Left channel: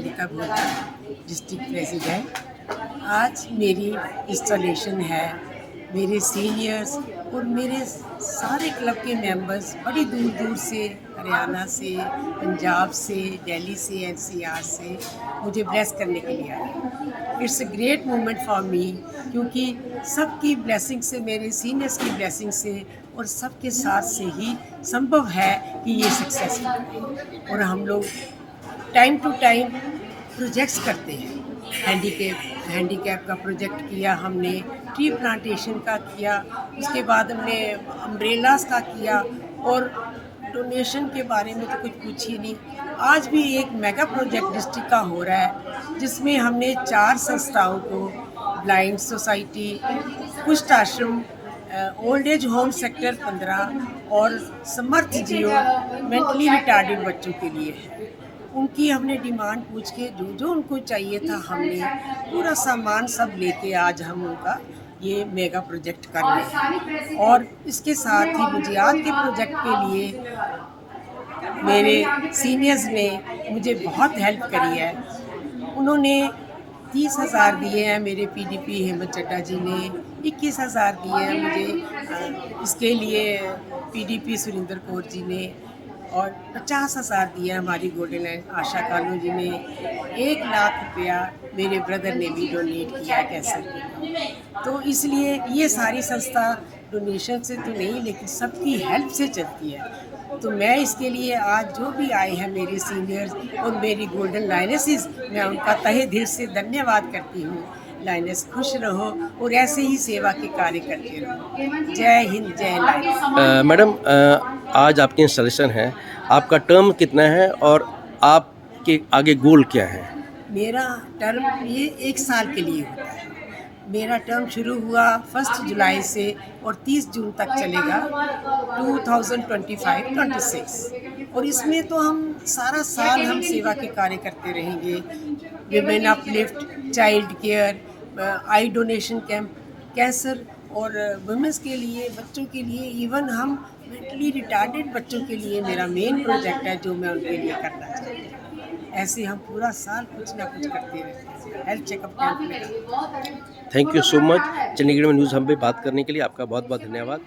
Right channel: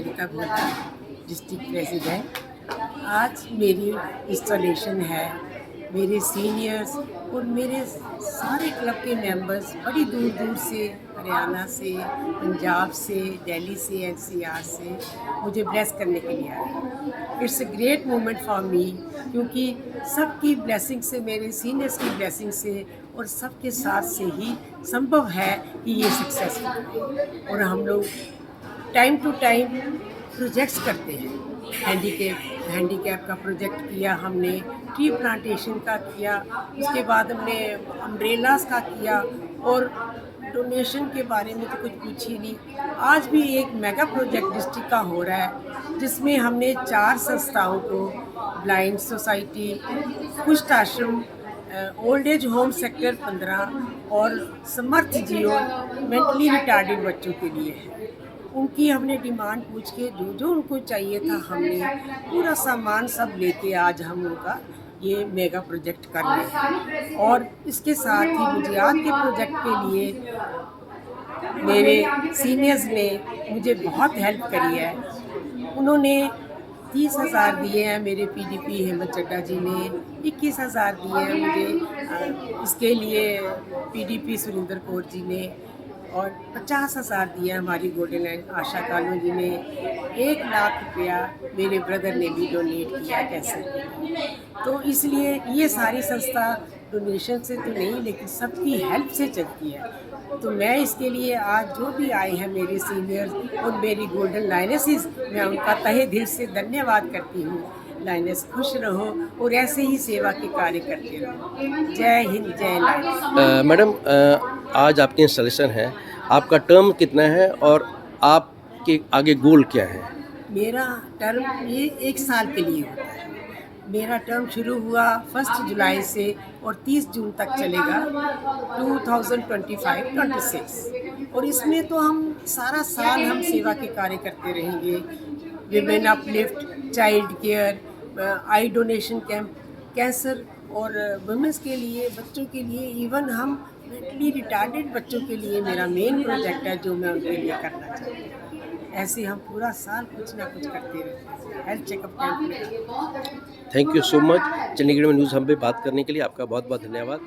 ललिता भोला, district president. आज मेरी installation है। मेरे सीनियर्स और मेरे सारे क्लब के मेंबर्स बड़ी दूर दूर से, हरियाणा से, पंजाब से, दिल्ली से, एनसीआर से मुझे ब्लेस करने के लिए आए। It's a great moment for me, क्योंकि सबकी ब्लेसिंग से, मेरे सीनियर्स की ब्लेसिंग से और सबके साथ से ही संभव है कि ये सक्सेसफुल है। और हम लोग टाइम टू टाइम प्रोजेक्ट्स करते हैं। हैंडीकैप का प्रोजेक्ट किया हमने, ट्री प्लांटेशन का किया, उसके बाद हमने अम्ब्रेलास का किया, और डोनेशन के बारे में तो कुछ पूछिए नहीं। आज भी एक मेगा प्रोजेक्ट डिस्ट्रिक्ट का हो रहा है, जिसमें हमने 4 संस्थाओं को, ब्लाइंड सोसाइटी, कुष्ठ आश्रम, ओल्ड एज होम सेक्टर 15 और समर्थ जियो मेंटली रिटार्डेड बच्चों के लिए है। उनकी हमने डिमांड पूछ के जो जो उनको चाहिए था, हमने पूरा सामान सब लेके आज हम उनका ये मेगा प्रोजेक्ट कर रहे हैं। और इसके साथ ही गुजरात के प्रोजेक्ट के लिए मेरे सीनियर्स ने मुझे बहुत हेल्प करी है। उन्होंने 30,000 दिए हैं, मेरे पीडीपी हेमंत चड्डा जी ने 21,000 दिए हैं मुझे, इसके लिए पीडीपी सुरेंद्र कौर जी ने, और 50,000 दिया हमारी गोल्डन लाइन आशा कानू जी ने, 1 लाख रुपया मेरे ब्रदर ने भी डोनेट किया कैंसर के लिए। तो इसलिए ये सारी संस्था डोनेशन से तो नहीं, लेकिन सबकी हेल्प से चलती है। तो मैं इसके लिए आज जो भी आए हैं मेरे सीनियर्स और मेरी गोल्डन लाइनेसेस, मैं उनका तहे दिल से धन्यवाद करती हूँ। लाइनेस खुश रहो और ऐसे ही सेवा के कार्य करते रहो। जय हिंद, जय लाइनेस। मैडम, आज आपकी इंस्टॉलेशन है, आपका टर्म कितना है और आपके आगे गोल क्या है? मेरा टर्म ये 1 साल के लिए होता है। मेरा टर्म शुरू हुआ 1 जुलाई से और 30 जून तक चलेगा 2025-26। और इसमें तो हम सारा साल हम सेवा के कार्य करते रहेंगे। विमेन अपलिफ्ट, चाइल्ड केयर, आई डोनेशन कैंप, कैंसर और वुमेंस के लिए, बच्चों के लिए, इवन हम मेंटली रिटार्डेड बच्चों के लिए मेरा मेन प्रोजेक्ट है जो मैं उनके लिए करना चाहती हूँ। ऐसे हम पूरा साल कुछ ना कुछ करते रहते हैं। हेल्थ चेकअप कैंप में। Thank you so much. Chandigarh में न्यूज़ हम पे बात करने के लिए आपका बहुत बहुत धन्यवाद।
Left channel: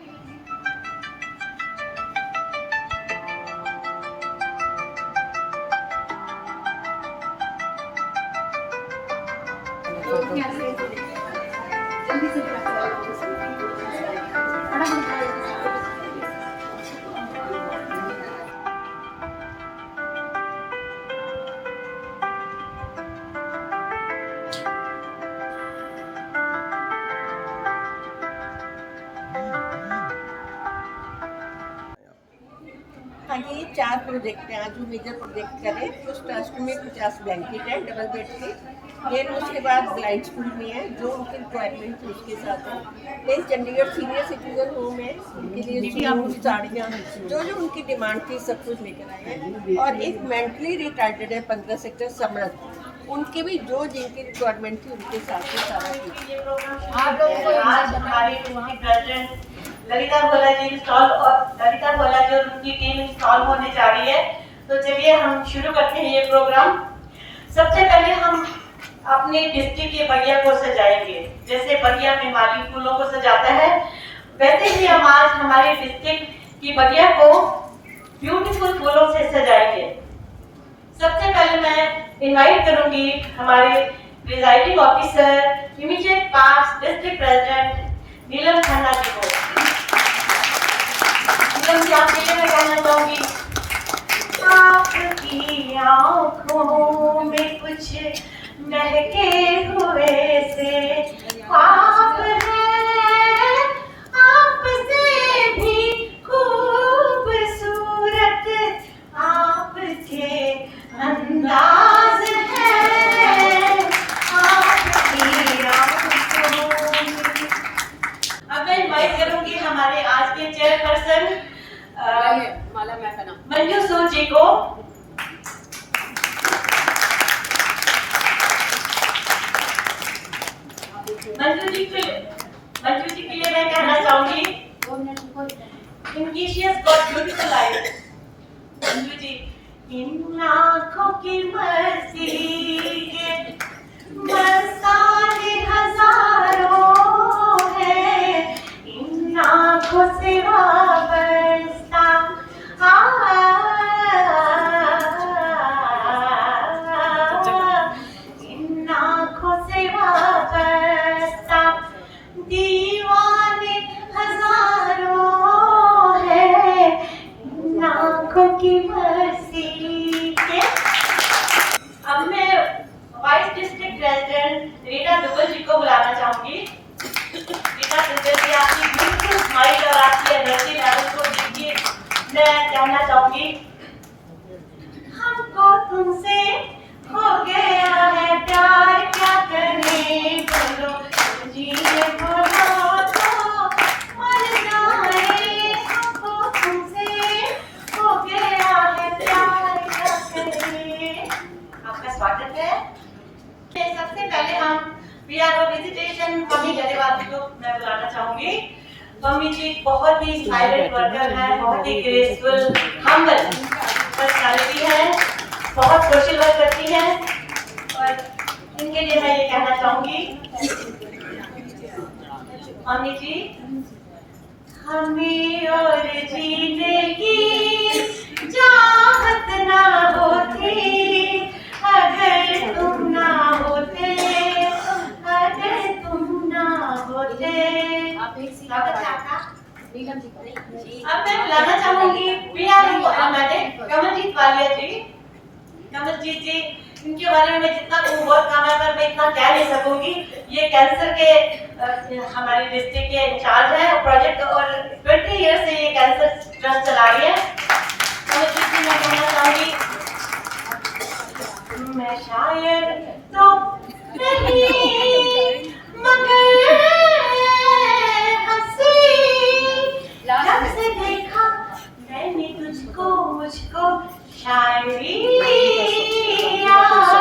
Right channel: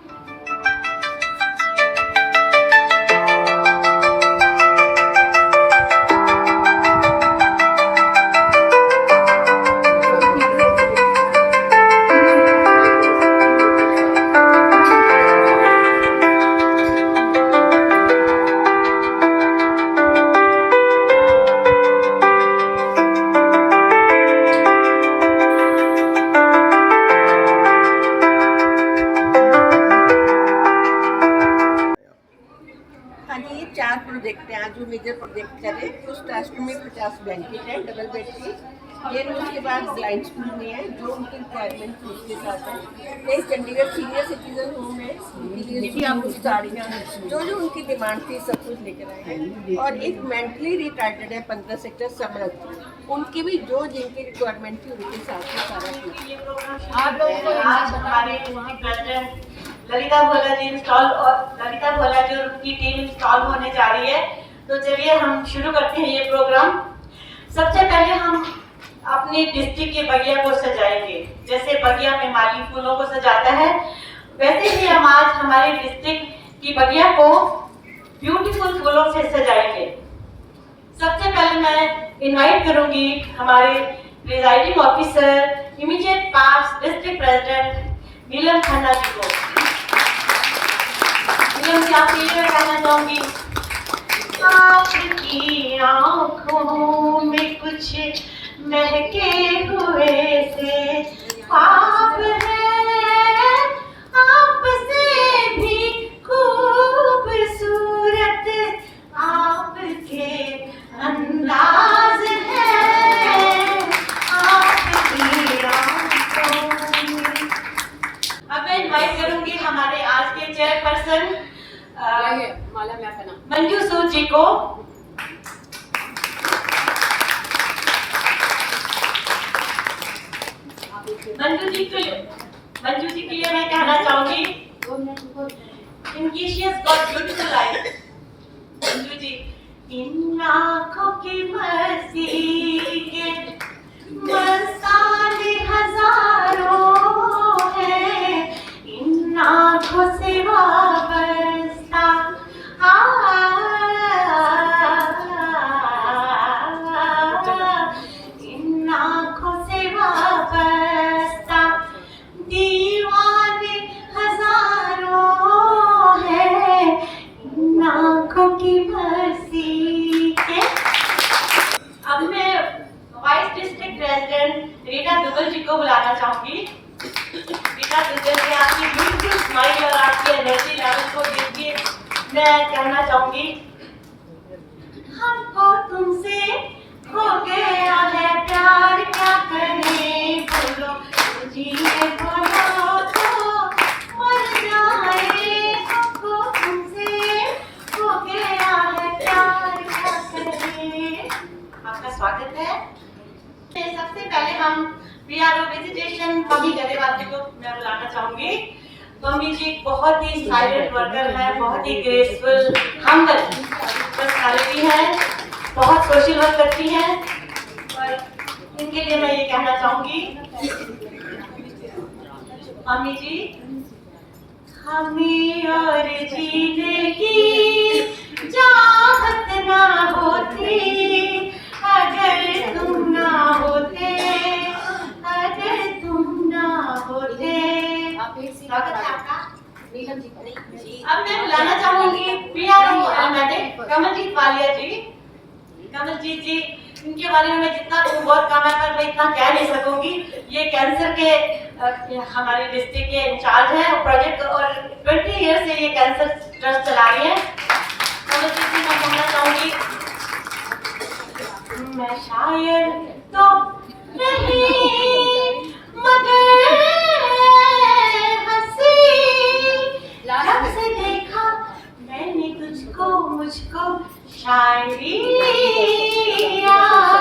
हाँ जी, 4 प्रोजेक्ट हैं आज जो मेजर प्रोजेक्ट कर रहे हैं। कुछ ट्रस्ट में 50 ब्लैंकेट है, डबल बेड की। फिर उसके बाद ब्लाइंड स्कूल में है, जो उनकी रिक्वायरमेंट थी उसके साथ है। फिर चंडीगढ़ सीनियर सिटीजन होम है, उनके लिए साड़ियाँ, जो जो उनकी डिमांड थी सब कुछ लेकर आए हैं। और एक मेंटली रिटार्डेड है 15 सेक्टर समृद्ध, उनकी भी जो जिनकी रिक्वायरमेंट थी उनके साथ ही सारा कुछ। आप लोगों को हमारे प्रेसिडेंट ललिता भोला जी ललिता भोला जी और उनकी टीम इंस्टॉल होने जा रही है। तो चलिए हम शुरू करते हैं ये प्रोग्राम। सबसे पहले हम अपने डिस्ट्रिक्ट के बगिया को सजाएंगे। जैसे बगिया में माली फूलों को सजाता है, वैसे ही हम आज हमारी डिस्ट्रिक्ट की बगिया को ब्यूटीफुल फूलों से सजाएंगे। सबसे पहले मैं इनवाइट करूंगी हमारे प्रिजाइडिंग ऑफिसर इमीडिएट पास डिस्ट्रिक्ट प्रेसिडेंट नीलम खन्ना जी को। नीलम जी, आपके लिए मैं कहना चाहूंगी, आपकी आंखों में कुछ महके हुए से आप हैं, आपसे भी खूबसूरत आपके अंदाज है, आपकी आंखों। अब मैं इनवाइट करूंगी हमारे आज के चेयरपर्सन मंजू सूद जी को। मंजू जी के लिए मैं कहना चाहूंगी, इनकी she has got beautiful life. Manju ji, इन आँखों की मस्ती के मस्ताने हजारों हैं, इन आँखों से वाबस्ता इन आँखों से वाबस्ता दीवाने हजारों हैं, इन आँखों की मस्ती के। अब मैं vice district president Rita Duggal ji को बुलाना चाहूंगी। रीटा दुग्गल जी, आपकी ब्यूटीफुल स्माइल और आपकी एनर्जी लेवल को देख के मैं कहना चाहूंगी, हमको तुमसे हो गया है प्यार, क्या करें बोलो, जिए बोलो तो मर जाए। हमको तुमसे हो गया है प्यार, क्या करें। आपका स्वागत है। सबसे पहले हम PRO विजिटेशन पम्मी गरेवाल जी को मैं बुलाना चाहूंगी। पम्मी जी बहुत ही साइलेंट वर्कर है, बहुत ही ग्रेसफुल, हम्बल पर्सनालिटी है, बहुत सोशल वर्क करती है और इनके लिए मैं ये कहना चाहूंगी, पम्मी जी, हमें और जीने की चाहत ना होती अगर तुम ना होते, अगर तुम ना होते। स्वागत है आपका। अब मैं बुलाना चाहूंगी PRO मैडम कमलजीत वालिया जी। कमलजीत जी, इनके बारे में जितना बहुत कम है पर मैं इतना कह नहीं सकूंगी। ये कैंसर के हमारे डिस्ट्रिक्ट के इंचार्ज है प्रोजेक्ट और 20 ईयर से ये कैंसर ट्रस्ट चला रही है। कमलजीत जी, मैं कहना चाहूंगी, मैं शायद तो नहीं मगर हंसी जब से देखा मैंने तुझको, मुझको शायरी आ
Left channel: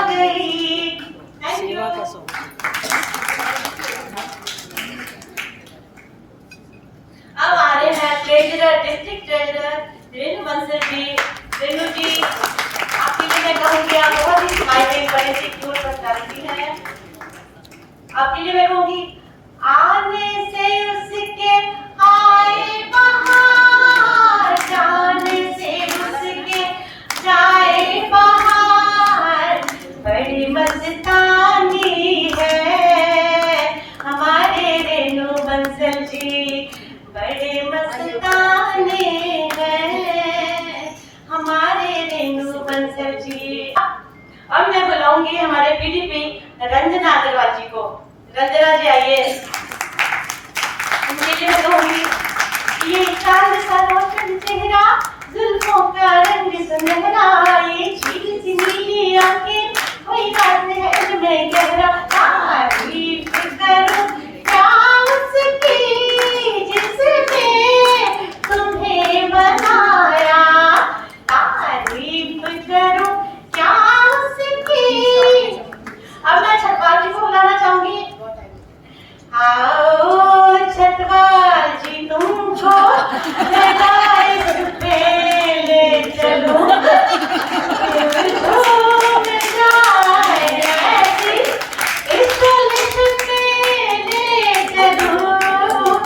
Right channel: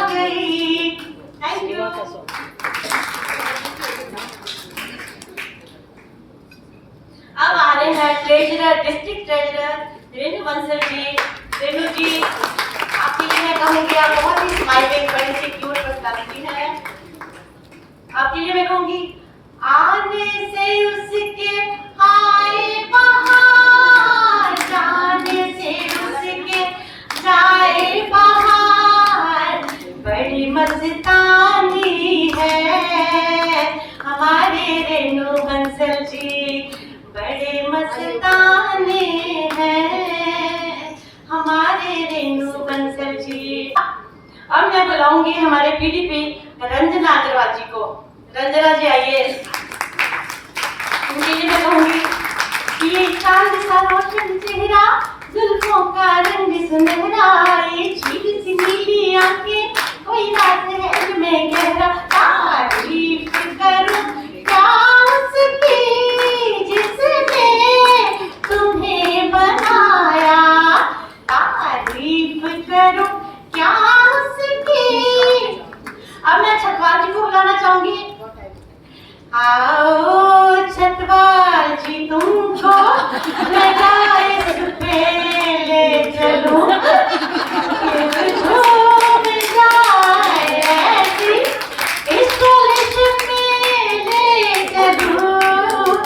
गई। Thank you. अब आ रहे हैं treasurer, district treasurer Renu Bansal ji. Renu ji, आपके लिए मैं कहूँगी, आप बहुत ही स्माइलिंग, बड़ी सी क्यूट पर्सनालिटी है। आपके लिए मैं कहूँगी, आने से उसके आए बहार, जाने से उसके जाए बहार, बड़ी मस्तानी है हमारे रेणु बंसल जी, बड़े मस्तानी है हमारे रेणु बंसल जी। अब मैं बुलाऊंगी हमारे PDP रंजना अग्रवाल जी को। रंजना जी आइए। उनके लिए मैं कहूंगी, ये चांद सा रोशन चेहरा, जुल्फों का रंग सुनहरा, ये झील सी नीली आंखें, कोई बात है में गहरा, तारीफ करूं क्या उसकी जिसने तुम्हें बनाया, तारीफ करूं क्या उसकी। अब मैं छतवाल जी को बुलाना चाहूंगी। आओ छतवाल जी, तुमको लगाइस पे ले चलूं, झूम जाए ऐसी इंस्टॉलेशन में ले चलूं।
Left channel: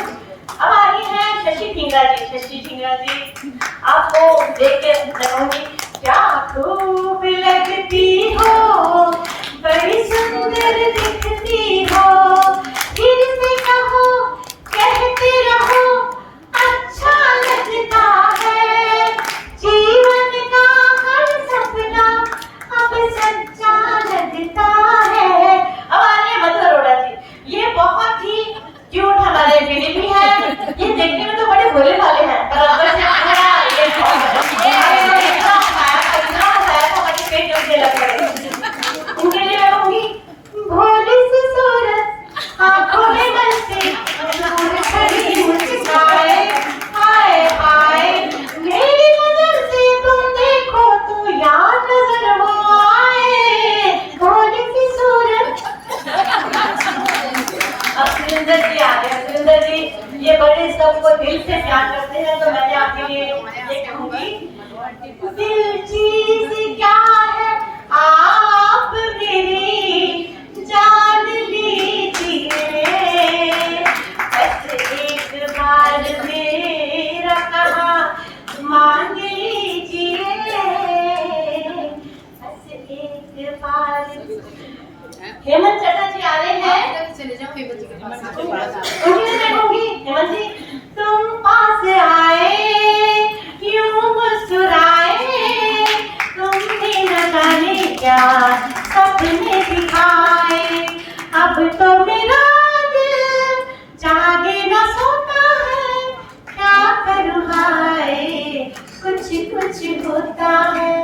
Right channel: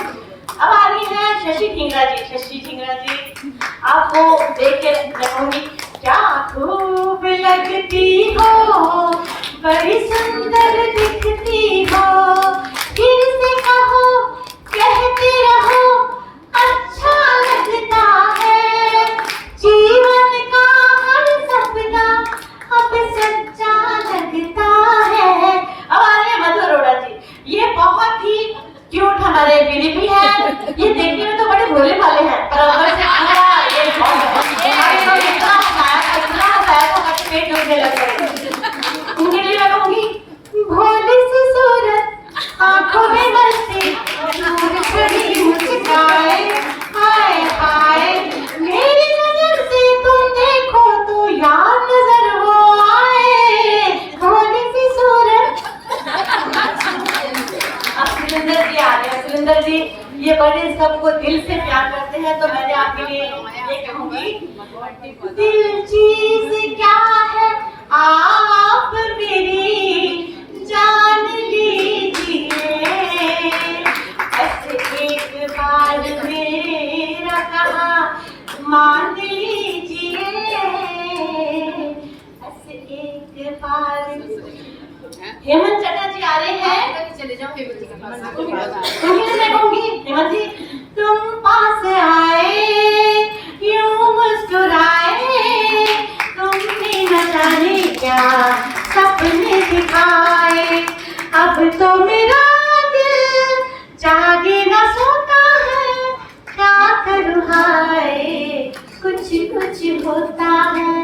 अब आ रही है शशि ढींगरा जी। शशि ढींगरा जी, आपको देख के कहूंगी, क्या खूब लगती हो, बड़ी सुंदर दिखती हो, फिर से कहो कहते रहो अच्छा लगता है, जीवन का हर सपना अब सच्चा लगता है। अब आ रहे हैं मधु अरोड़ा जी। ये बहुत ही क्यूट हमारे PDP है, ये देखने में तो बड़े भोले वाले हैं पर अंदर से पेट दुखने लग गए। उनके लिए मैं कहूंगी, भोली सी सूरत, आंखों में मस्ती, बड़ी मुस्काए, हाय हाय, मेरी नजर से तुम देखो तो यार नजर वो आए, भोली सी सूरत। अब सुरेंद्र जी आ रहे हैं। सुरेंद्र जी, ये बड़े सबको दिल से प्यार करते हैं, तो मैं आपके लिए ये कहूंगी, दिल चीज हेमंत चटर्जी आ रहे हैं। चले जाओ हेमंत जी के पास। मैं कहूंगी हेमंत जी, तुम पास आए यूं मुस्कुराए, तुमने न जाने क्या सपने दिखाए, अब तो मेरा दिल जागे न सोता है, क्या करूँ हाय कुछ कुछ होता है।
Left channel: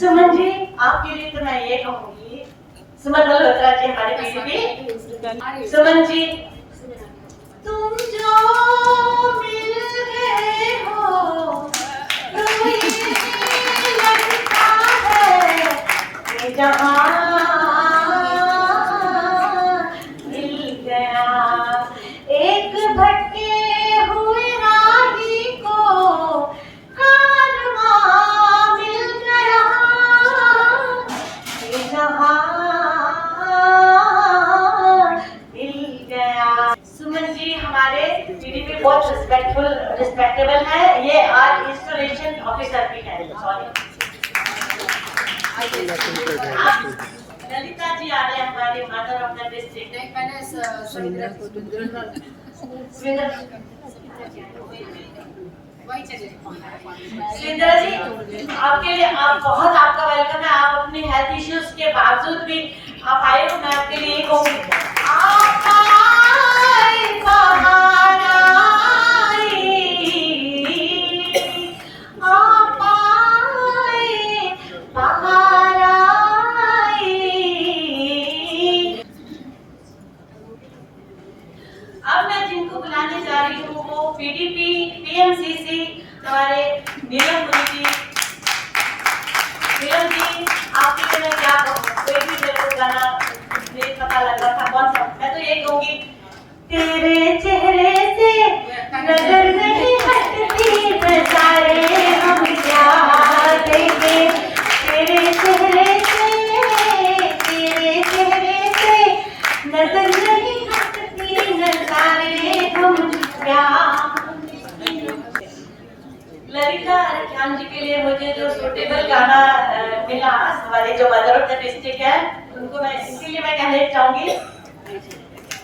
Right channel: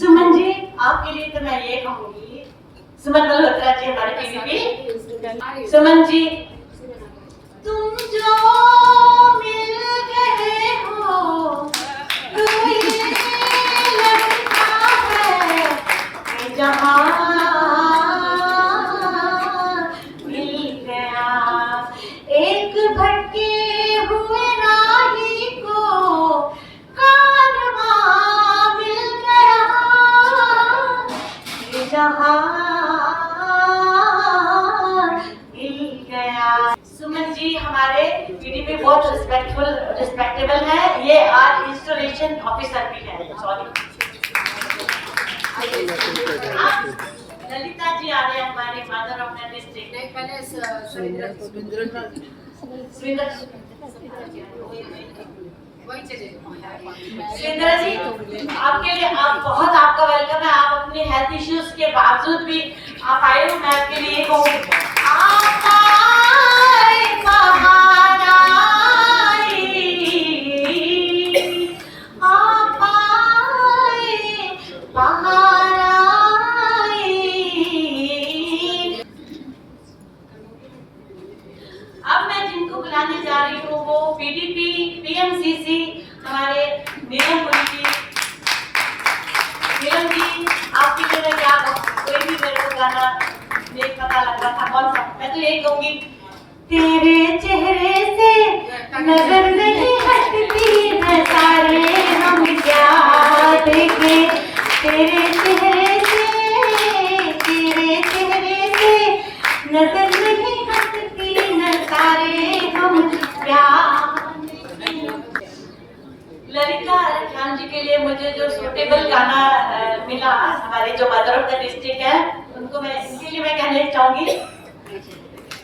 सुमन जी, आपके लिए तो मैं ये कहूंगी, सुमन मल्होत्रा जी हमारे पीसीपी। सुमन जी, तुम जो मिल गए हो तो ये लगता है कि जहां मिल गया, एक भटके हुए राही को कारवां मिल गया, कि जहां मिल गया। सुमन जी हमारे पीडीपी बहुत रिस्पेक्टेबल है, ये आज इंस्टॉलेशन ऑफिसर भी है। सॉरी, ललिता जी आ रहे हैं हमारे मदर ऑफ द डिस्ट्रिक्ट। नहीं, पहले सविंद्रा वही चले सुरेंद्र जी, आपके लिए आपका वेलकम है। आप अपने हेल्थ इश्यूज के बावजूद भी आप आए हो। मैं आपके लिए कहूँगी, आप आए बाहर आई, आप आए बाहर आई। अब मैं जिनको बुलाने जा रही हूँ वो पीडीपी पीएमसीसी हमारे नीलम मुनि जी। नीलम जी, आपके लिए मैं क्या कहूँ, कोई भी मेरे को गाना नहीं पता लग रहा था कौन सा। मैं तो यही कहूँगी, तेरे चेहरे से नजर नहीं हटती नजारे हम क्या देखें, तेरे चेहरे से नजर नहीं हटती नजारे हम क्या। ललिता राम जी के लिए मुझे जो सूटेबल गाना मिला, हमारे जो मदर ऑफ द डिस्ट्रिक्ट है उनको मैं इनके लिए मैं कहना चाहूंगी,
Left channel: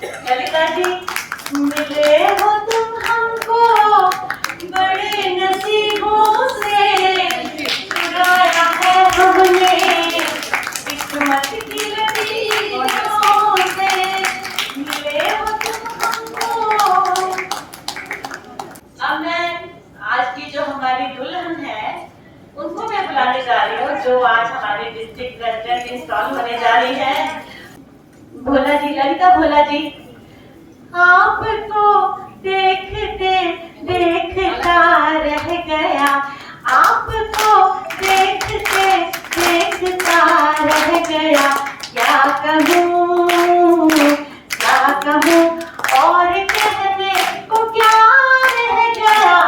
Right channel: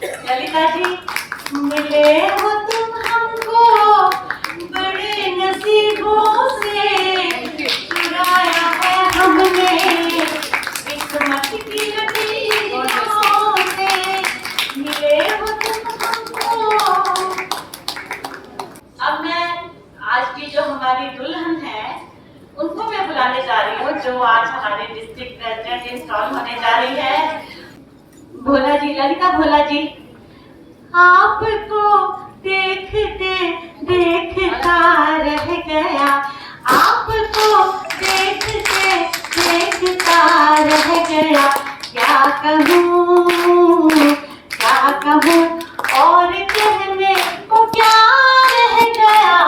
ललिता जी, मिले हो तुम हमको बड़े नसीबों से, चुराया है हमने किस्मत की लकीरों से, मिले हो तुम हमको। अब मैं आज की जो हमारी दुल्हन है उनको मैं बुलाने जा रही हूँ, जो आज हमारे डिस्ट्रिक्ट प्रेसिडेंट इंस्टॉल होने जा रही है। भोला जी, ललिता भोला जी, आपको देखते देखता रह गया, आपको देखते देखता रह गया, क्या कहूँ और कहने को क्या रह गया,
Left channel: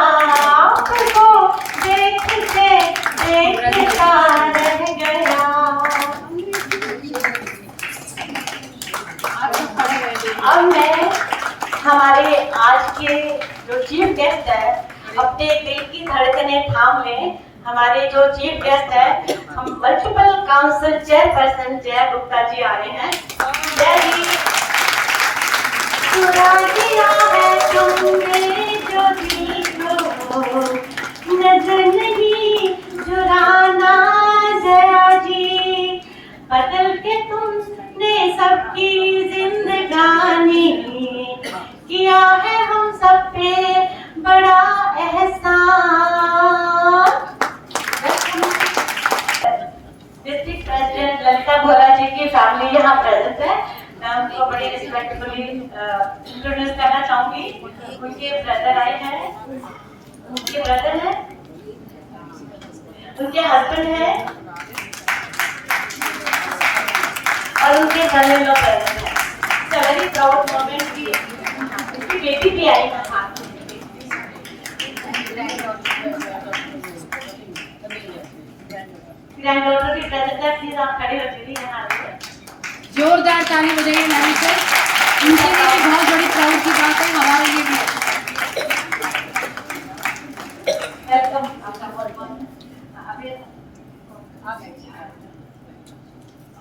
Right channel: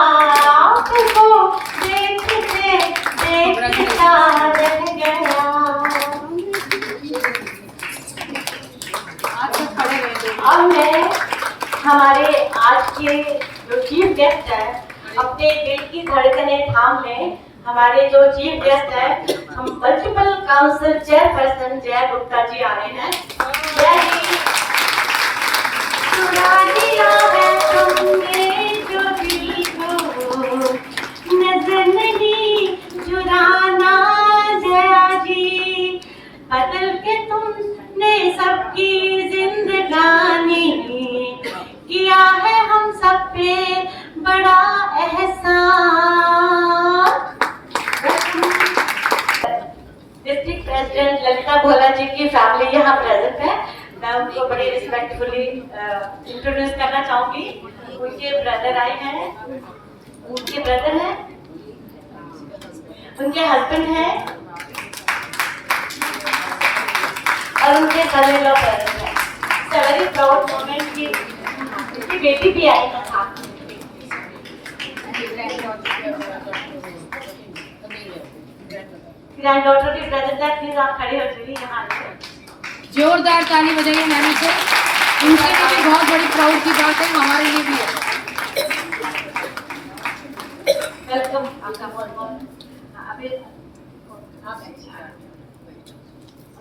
आपको देखते देखता रह गया। अब मैं हमारे आज के जो चीफ गेस्ट है, अपने दिल की धड़कनें थाम लें। हमारे जो चीफ गेस्ट है, हम मल्टीपल काउंसिल चेयरपर्सन जय गुप्ता जी आ रहे हैं। जय जी। चुरा दिया है तुमने जो दिल को, नजर नहीं चुराना जया जी, बदल के तुमने सबकी जिंदगानी, किया है हम सब पे बड़ा एहसान। डिस्ट्रिक्ट प्रेसिडेंट ललिता भोला जी की फैमिली यहाँ प्रेजेंट है। मैं उनको बड़ी रिस्पेक्टफुली इंट्रोड्यूस करना चाहूंगी। उनके ब्रदर आए हैं, उनके ब्रदर हैं, उनके हस्बैंड हैं और उनके सन इन लॉ प्रेजेंट हैं। It's a very proud moment कि उनकी बेटी भी आई है साथ में। ग्रैंड डॉटर की प्रेजेंट है, प्लीज आप खड़े हो जाइए यहाँ पे। जोरदार ताली बजाइए मैम से। उनके लिए भी बहुत बड़ी प्राउड की बात है, हमारे लिए भी है। वेलकम आपका बहुत बहुत।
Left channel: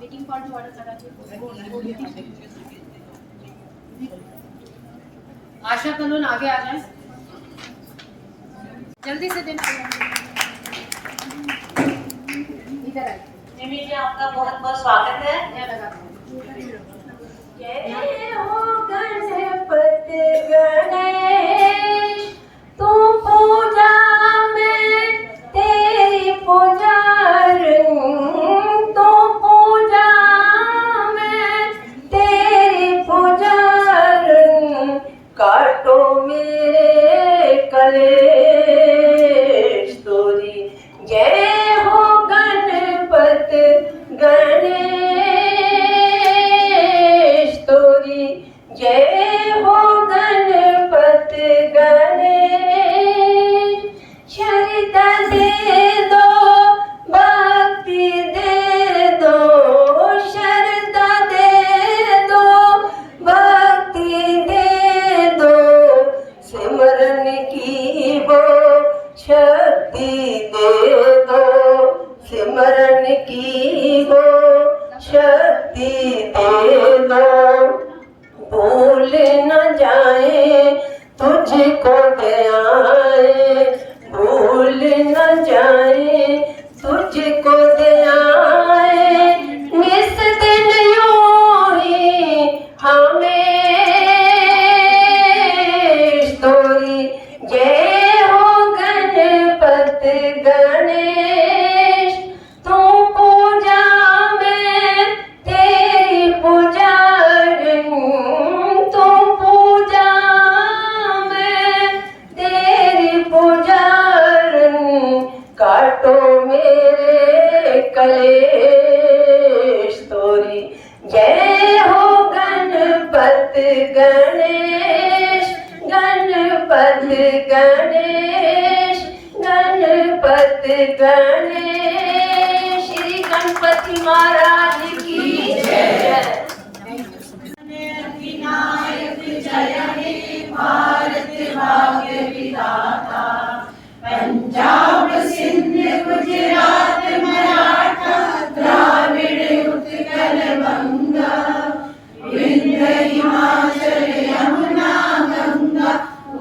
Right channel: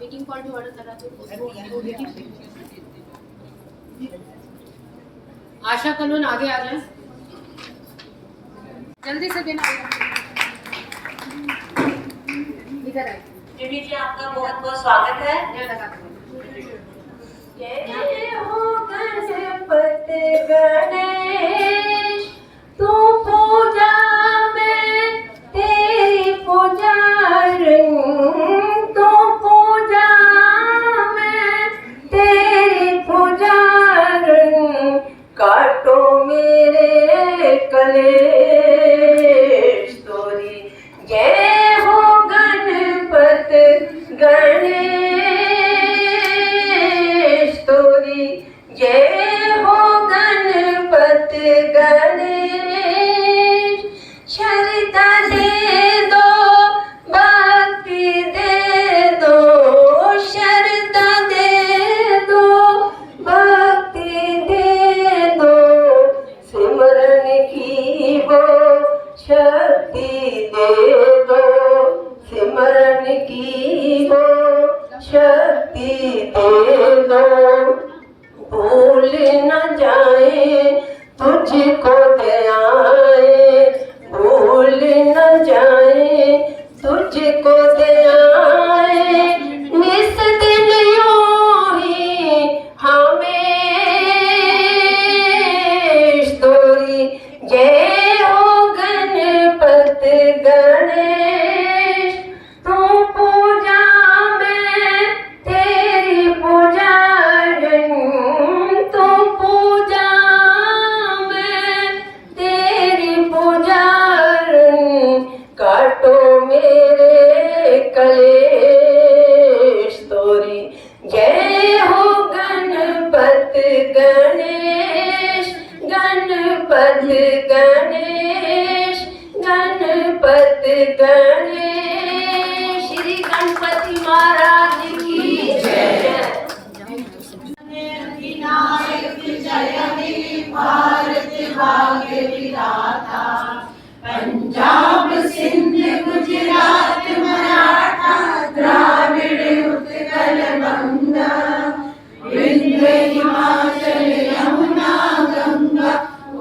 मीटिंग कॉल टू ऑर्डर करा दो। आशा कनून आगे आ जाए, जल्दी से देना। इधर आए। मिमी जी आपका बहुत बहुत स्वागत है। ये लगाते हैं। जय हो गणपति गणेश, तू पूजा में तेरी पुजारी, तू पूजा में तेरी पुजारी, काटो मेरे कलेश तोरी। जय हो गणपति गणेश तोरी, जय हो गणपति गणेश। श्रद्धा दे दो, भक्ति दे दो, श्रद्धा दे दो, भक्ति दे दो, सिमरन की वो शक्ति दे दो, सिमरन की वो शक्ति दे दो। भूल न जाए तुझको दयाए, भूल न जाए तुझको दयाए, निस दिन यूं ही हमें तोरी। जय हो गणपति गणेश, तू पूजा में तेरी पुजारी, तू पूजा में तेरी पुजारी, काटो मेरे कलेश तोरी। जय हो गणपति गणेश, गणपति गणेश, गणपति गणेश। श्री गणपति महाराज की जय। विनायक जय हे भारत भाग्य विधाता, पंजाब सिंध गुजरात मराठा द्राविड़ उत्कल बंगा, विंध्य हिमाचल यमुना गंगा,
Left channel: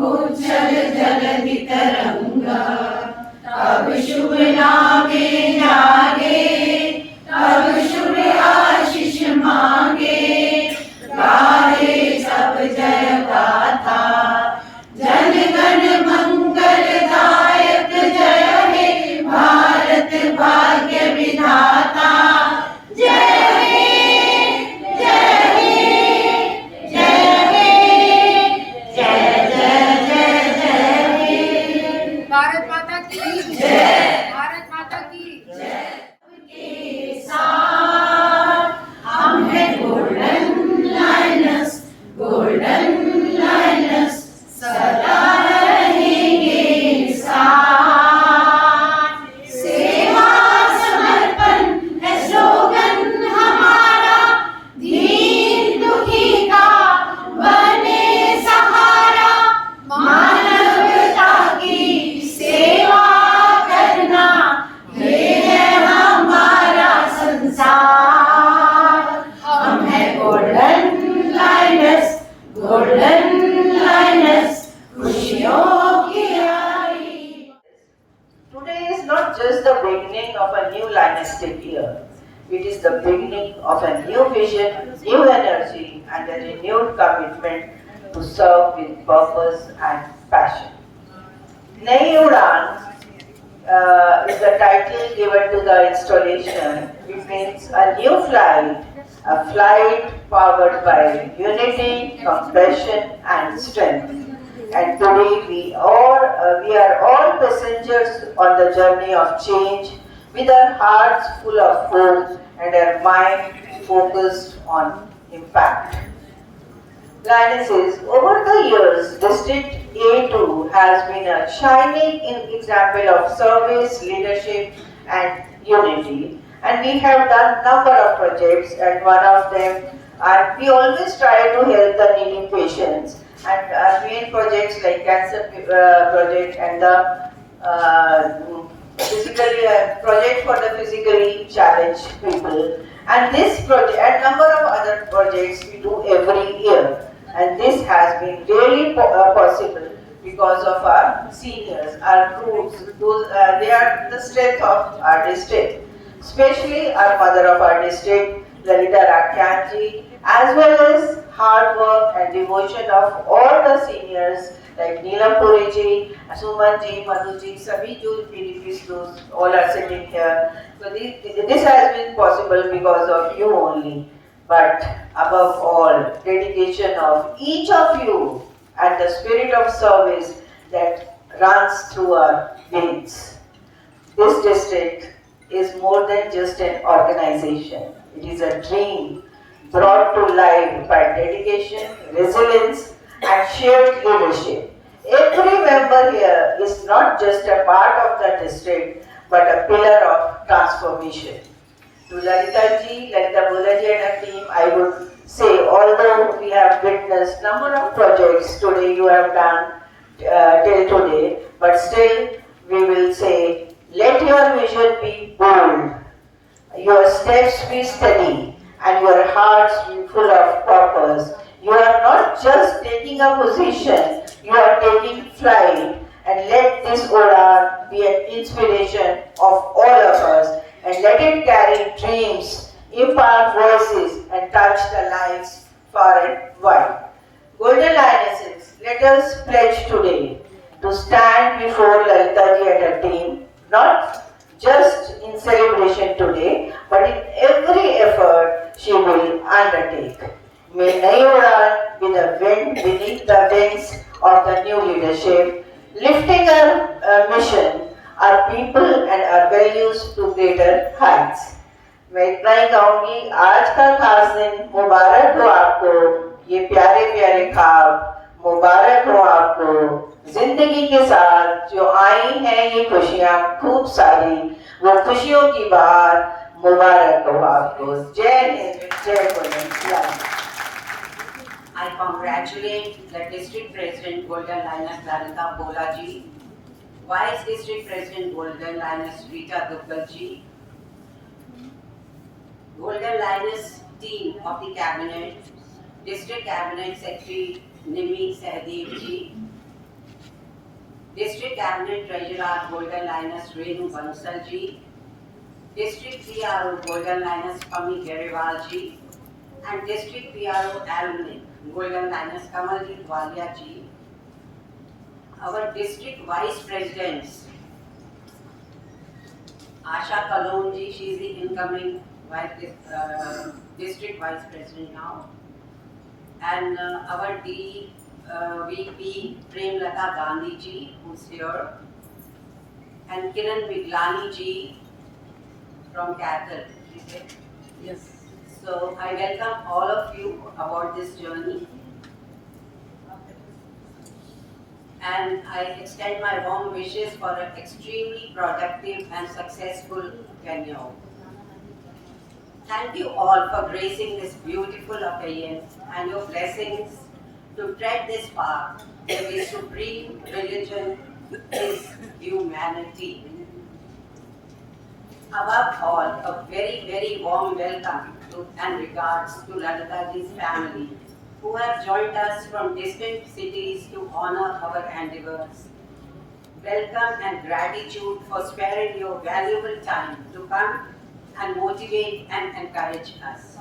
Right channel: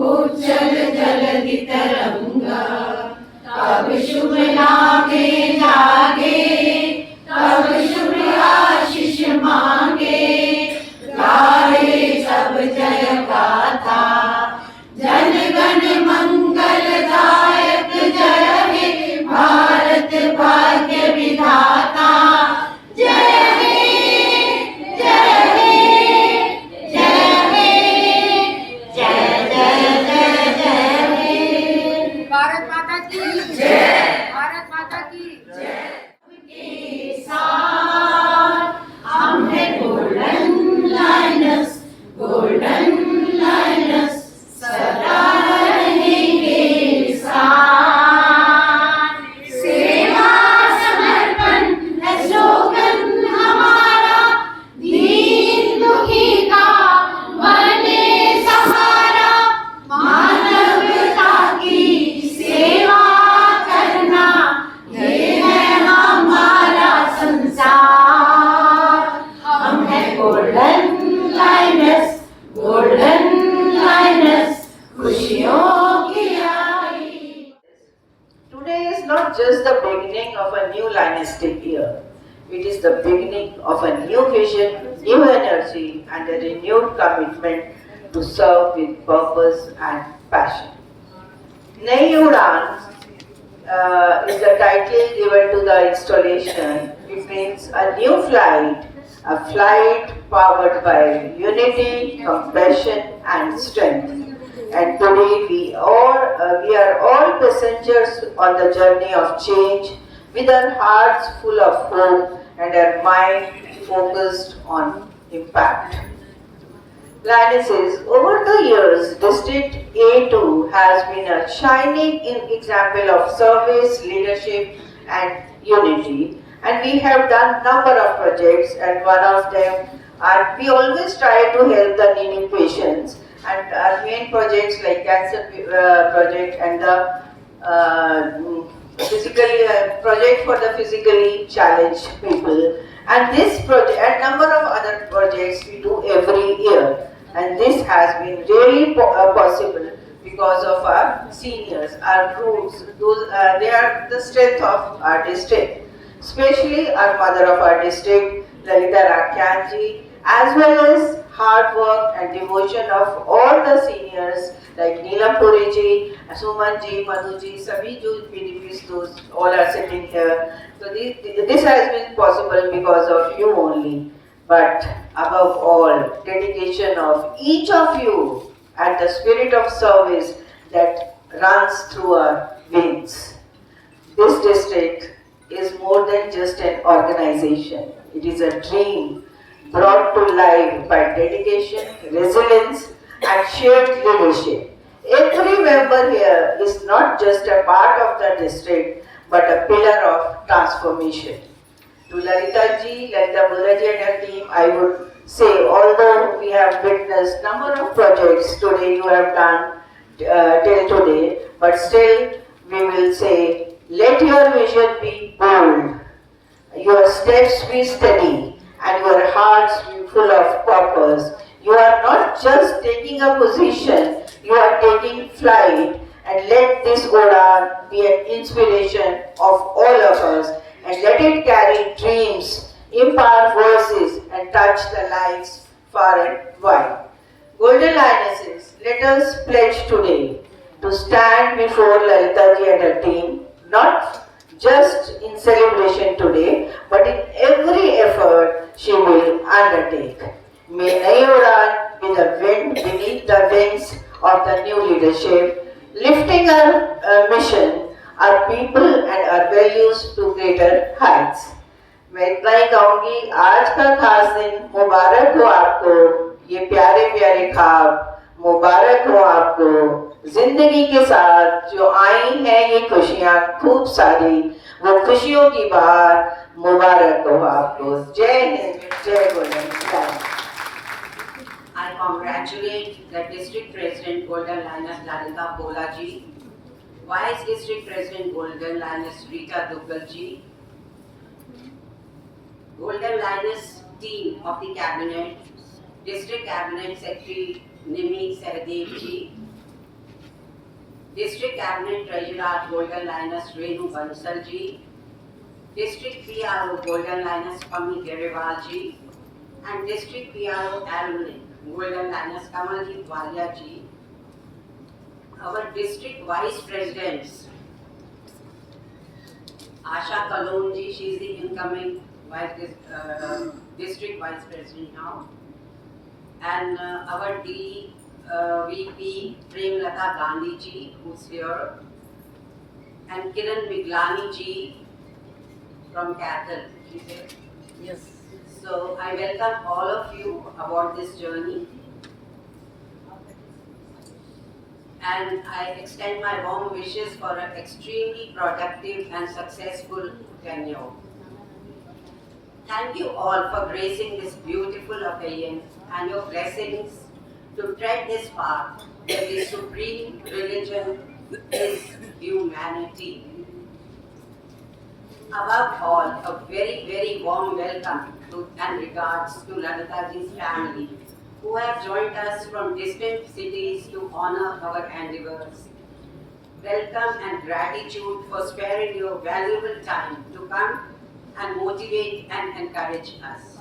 उज्जल जलधि तरंगा। तब शुभ नामे जागे, तब शुभ आशीष मांगे, गाए सब जय गाथा। जन गण मंगलदायक जय हे भारत भाग्य विधाता। जय हे, जय हे, जय हे, जय जय जय जय हे। भारत माता की जय। भारत माता की के साथ हम है गोल्डन लाइनस, गोल्डन लाइनस सदा रहेंगे साथ। सेवा समर्पण है स्लोगन हमारा, दीन दुखी का बने सहारा, मानवता की सेवा करना ये है हमारा संसार। हम है गोल्डन लाइनस, गोल्डन लाइनस, खुशियों की आई। Today is not just the beginning of a new Lionstic year. It is the beginning of a new vision, new energy, and a renewed commitment to serve with purpose and passion. Nai Udan is the title given to the installation. It means a new flight, a flight powered by unity, compassion, and strength. And today we are all passengers on the journey of change, with our hearts full of hope and our mind focused on impact. Lionesses, over the years, District A2 has been a shining example of service, leadership, and unity. And we have done number of projects, and one of them are we always try to help the needy patients. And our main projects like cancer project and the physically project for the physically challenged people. And this project, and number of other projects we do every year. And this has been really possible because of our seniors, our groups. They are the strength of our district. Especially our mother of our district, Lalita Rakyanji, as well as hard work and devotion of all the seniors like Neelam Puri ji, Suman ji, Madhu ji, Sabhi jo PDPs, those all are sitting here. So this has been possible because of you only. But above all, dedication of each of you and the spirit of service that runs through our veins. This district is more than just an organization. It is a dream brought to life by dedication, resilience, and shared leadership. Every member here is not just a part of the district, but a pillar of transformation. To Lalita ji, Lalita Bhola ji and her team, I would say, although we have witnessed number of projects today you have done till today, but still we will say, let your vision be bold, your steps be steady, and your hearts be full of purpose. You are not just taking a position, you are taking flight, and let this Oda be an inspiration of all of us, and let it carry dreams, impart voices, and touch the lives far and wide. Golden Lionesses, let us pledge today to stand before Lalita ji and her team, not just in celebration today, but in every effort she will undertake. May Nayi Udan be the wind beneath the wings of the new leadership, lifting our mission, our people and our values to greater heights. मैं इतना ही कहूँगी, आज का खास दिन मुबारक हो आपको, ये प्यारे प्यारे ख्वाब मुबारक हो आपको, जिंदगी के साथ जो आई हैं ये खुशियाँ खूब सारी, वो खुशियों की बात मुबारक हो आपको। जय हिंद, जय Govind. I congratulate the District President Golden Lioness Lalita Bhola ji, Vice District President Golden Lioness Rita Duggal ji, Golden Lioness team of the Cabinet, District Cabinet Secretary Nimi Sahdev ji, District Cabinet Treasurer Golden Lioness Renu Bansal ji, District PRO Golden Lioness Pami Gerewal ji, and District PRO Alumni Golden Lioness Kamaljeet Walia ji, our District Vice Presidents, Asha Kalon ji, she is the incoming District Vice President now, and our VP Premlata Gandhi ji, who's here, and Kiran Biglani ji from Cattle. Yes. So I welcome all of you about this journey, and I extend my warm wishes for an extremely productive and successful tenure. Thank you all for gracing this beautiful occasion and your blessings to tread this path where the supreme religion is humanity. Above all, a very, very warm welcome and regards to Lalita ji's family, who have joined us from distant cities to honor our endeavors. Welcome and gratitude for sparing your valuable time to come and motivate and encourage us.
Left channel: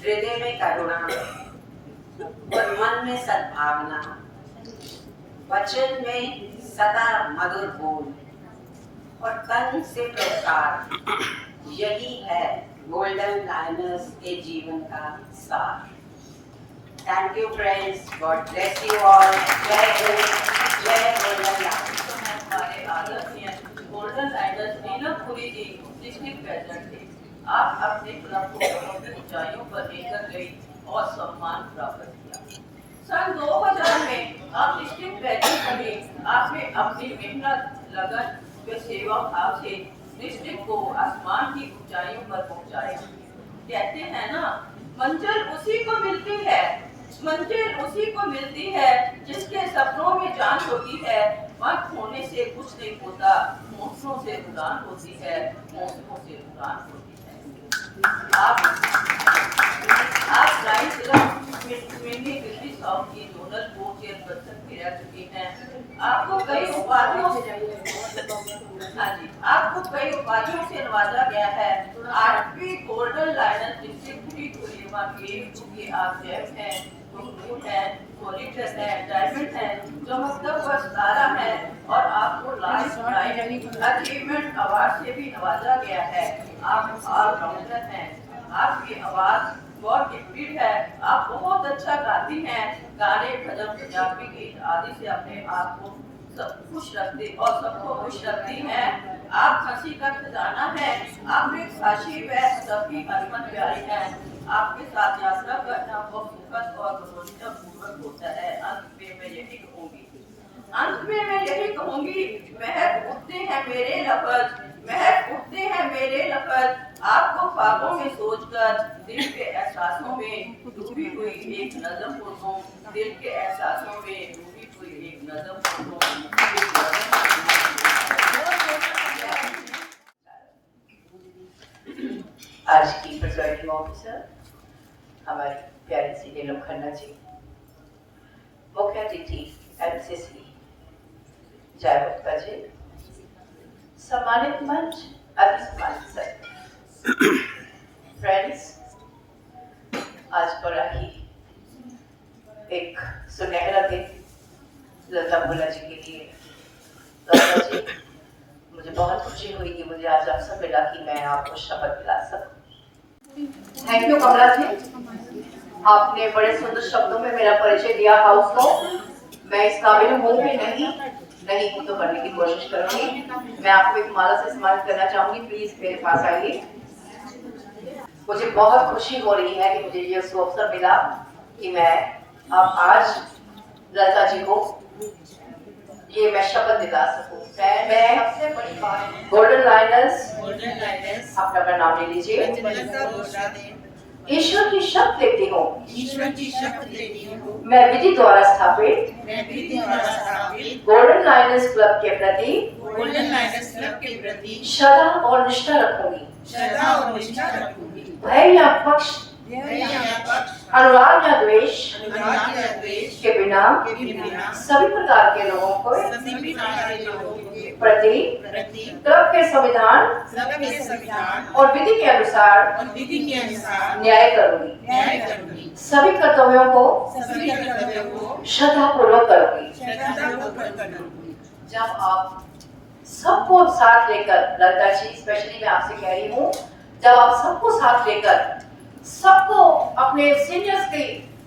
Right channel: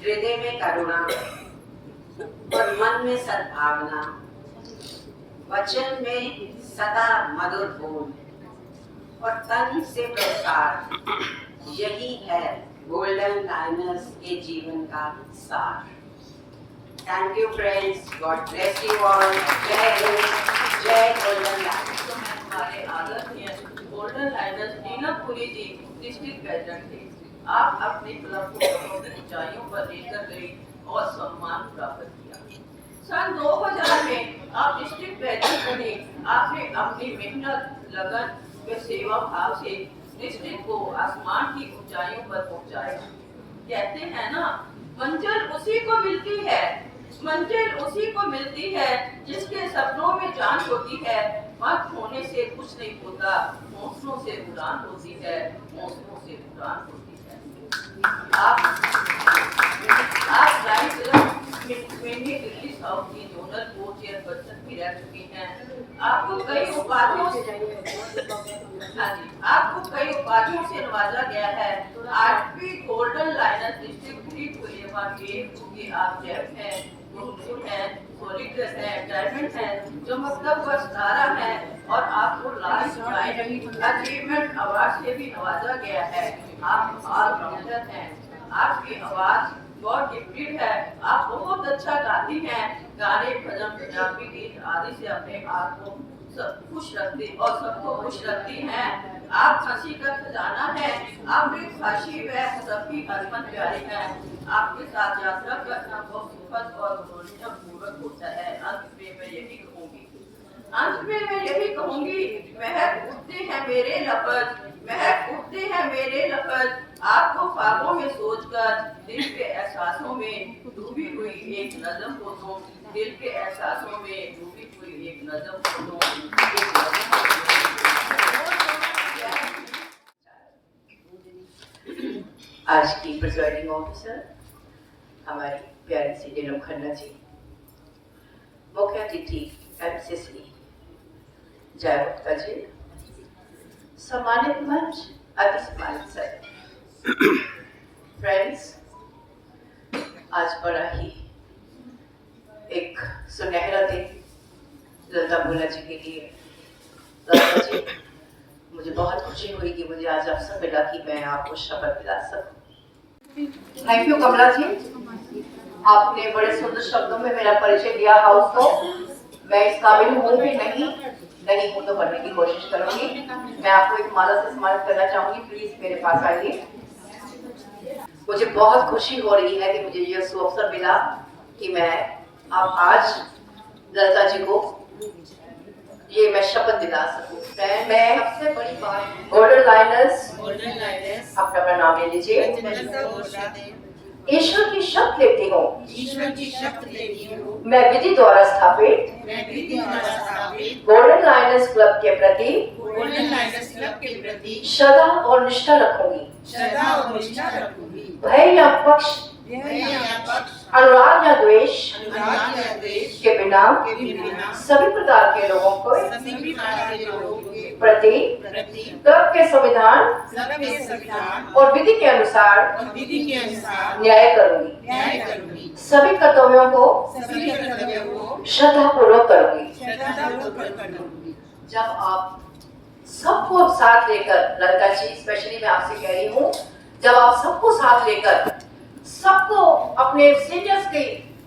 हृदय में करुणा और मन में सद्भावना, वचन में सदा मधुर बोल और तन से प्रकार, यही है गोल्डन लायनस के जीवन का सार। Thank you friends, God bless you all. जय गोल्डन लायनस। हमारे आदरणीय गोल्डन लायनस नीलम पुरी जी डिस्ट्रिक्ट प्रेसिडेंट थे। आप अपने क्लब को बहुत ऊंचाइयों पर लेकर गई और सम्मान प्राप्त किया। सन 2000 में आप डिस्ट्रिक्ट प्रेसिडेंट बने। आपने अपनी मेहनत, लगन व सेवा भाव से डिस्ट्रिक्ट को आसमान की ऊंचाइयों पर पहुंचाया। कहते हैं ना, मंजिल उसी को मिलती है मंजिल उसी को मिलती है जिसके सपनों में जान होती है। वक्त होने से कुछ नहीं होता, मौसमों से उड़ान होती है, मौसमों से उड़ान होती है। आप लाइन्स क्लब में दिल्ली साउथ की जोनल को चेयरपर्सन भी रह चुकी हैं। आपको कई उपाधियों से नवाजा गया है। 8वीं गोल्डन लाइनर डिस्ट्रिक्ट 3 के आप जेफ हैं, हैं, सोलिटर हैं, डायमंड हैं, चमकता हुआ सितारा है और आपको लाइफ टाइम अचीवमेंट अवार्ड से भी नवाजा गया है। आप ऑलराउंडर हैं, आपकी आवाज बहुत गिफ्टेड है, आप बहुत अच्छा गाती हैं। गाने, भजन, पंजाबी गीत आदि से अपने आप को सब खुश रखती और सबको खुश रखती हैं। आप हंसी का खजाना है, आप एक खाशी व सबकी हरमत प्यारी हैं। आपके साथ यात्रा करना बहुत सुखद और मनोरंजन होता है। अंत में मैं यही कहूँगी, महक उठते हैं मेरे लफ्ज, महक उठते हैं मेरे लफ्ज। आपको ख्वाबों में सोचकर दिल के एहसासों में डूबी हुई एक नज़म को दूं, दिल के एहसासों में डूबी हुई एक नज़म को दूं। आज की प्रिजाइडिंग ऑफिसर हमारी प्यारी सी नीलम खन्ना जी, मुख्य अतिथि एमसीसी जय गुप्ता जी, सम्मानित मंच, अति सम्मानित सर, फ्रेंड्स, आज बड़ा ही एक सुनहरा दिन लता भोला जी के लिए। लता जी, मुझे बहुत खुशी हुई कि मुझे आज अवसर मिला कि मैं आपको शपथ दिला सकूं। थैंक यू कमला जी, आपने बड़े सुंदर शब्दों में मेरा परिचय दिया हाउस को। मैं इस काबिल हूँ कि नहीं हूँ तो करने की कोशिश करूंगी। मैं आपको एक माला से सम्मानित करना चाहूंगी, प्लीज मेरे पास आइए। मुझे बहुत खुशी हो रही है कि मुझे ये अवसर मिला कि मैं अब आज लता जी को ये मैं शपथ दिला सकूं। मैं सबसे बड़ी बात गोल्डन लाइनर्स अपना नाम ले लीजिए। ईश्वर की शपथ लेती हूँ मैं विधि द्वारा स्थापित गोल्डन लाइनर्स क्लब के प्रति श्रद्धा और निष्ठा रखूंगी। भय या पक्ष, अनुराग या द्वेष के बिना सभी प्रकार के लोगों को प्रति क्लब के संविधान और विधि के अनुसार न्याय करूंगी। सभी कर्तव्यों को श्रद्धापूर्वक करूंगी। जब आप सबको साथ लेकर, ललिता जी स्पेशली मैं आपसे कह रही हूँ, जब आप सबको साथ लेकर, सबको अपने सीनियर्स के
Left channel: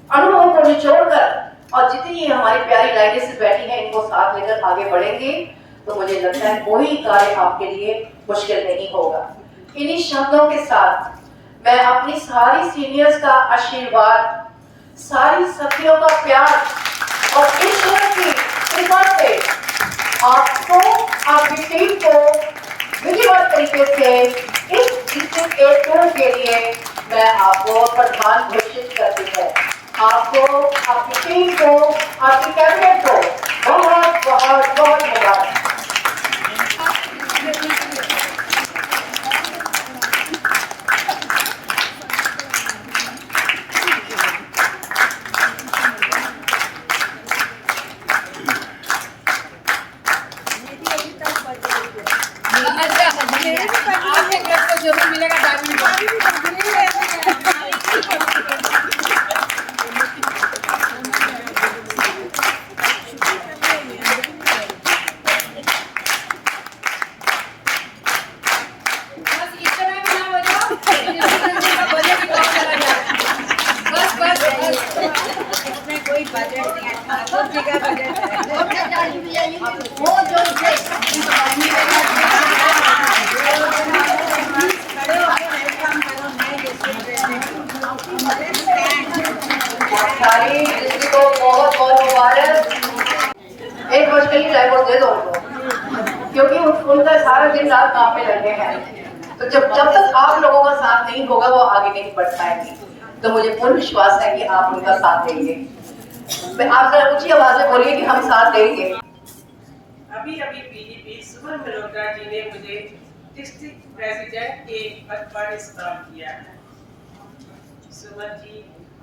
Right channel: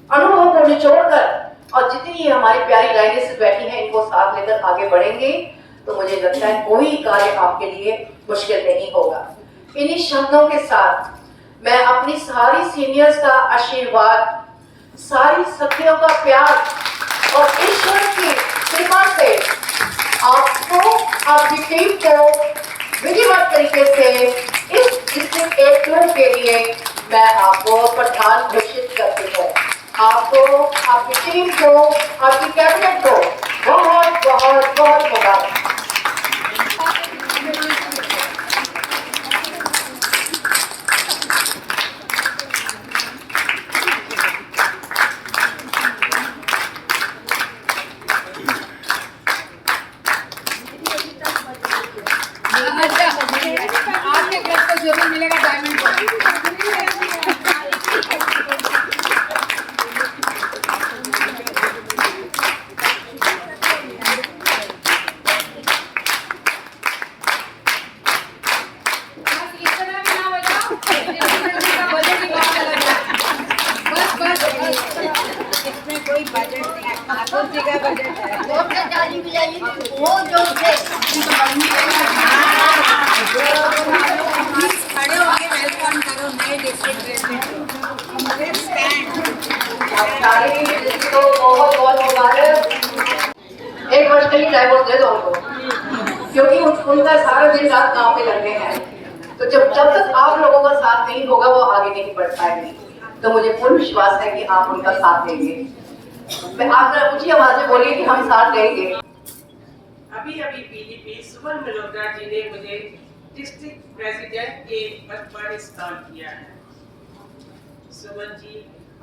अनुभव को निचोड़कर और जितनी हमारी प्यारी लाइनें बैठी हैं इनको साथ लेकर आगे बढ़ेंगे तो मुझे लगता है कोई कार्य आपके लिए मुश्किल नहीं होगा। इन्हीं शब्दों के साथ मैं अपनी सारी सीनियर्स का आशीर्वाद, सारी सखियों का प्यार और ईश्वर की कृपा से आपको, आपकी टीम को विधिवत तरीके से इस डिस्ट्रिक्ट 8 के लिए मैं आपको प्रधान घोषित करती हूँ। आपको, आपकी टीम को, आपकी कैबिनेट को बहुत बहुत बहुत धन्यवाद। आपके क्लब को जरूर मिलेगा डायमंड। इसमें कोई बजट नहीं है, ठाकुर जी का बजट है। वो जो खड़े होके वेलकम करो नए डिस्ट्रिक्ट सारी डिस्ट्रिक्ट को बहुत बहुत मुबारक। 1 वर्ष के लिए डाइवोर्स दे दो उनको, क्योंकि उनका सारा दिन रात काम पे लगे हैं। तो जब तक आप लोगों का साथ नहीं होगा वो आगे नहीं बढ़ पाएंगे। तो मुझे पूर्ण विश्वास है कि आप उनका साथ देंगे। मैं आप जरा ऊंची आवाज में बोलिए कि हम साथ देंगे। अभी अभी पीडीपी सुमन मल्होत्रा जी ने मुझे डिस्ट्रिक्ट प्रेसिडेंट के पद पर इंस्टॉल किया है। सुमन जी,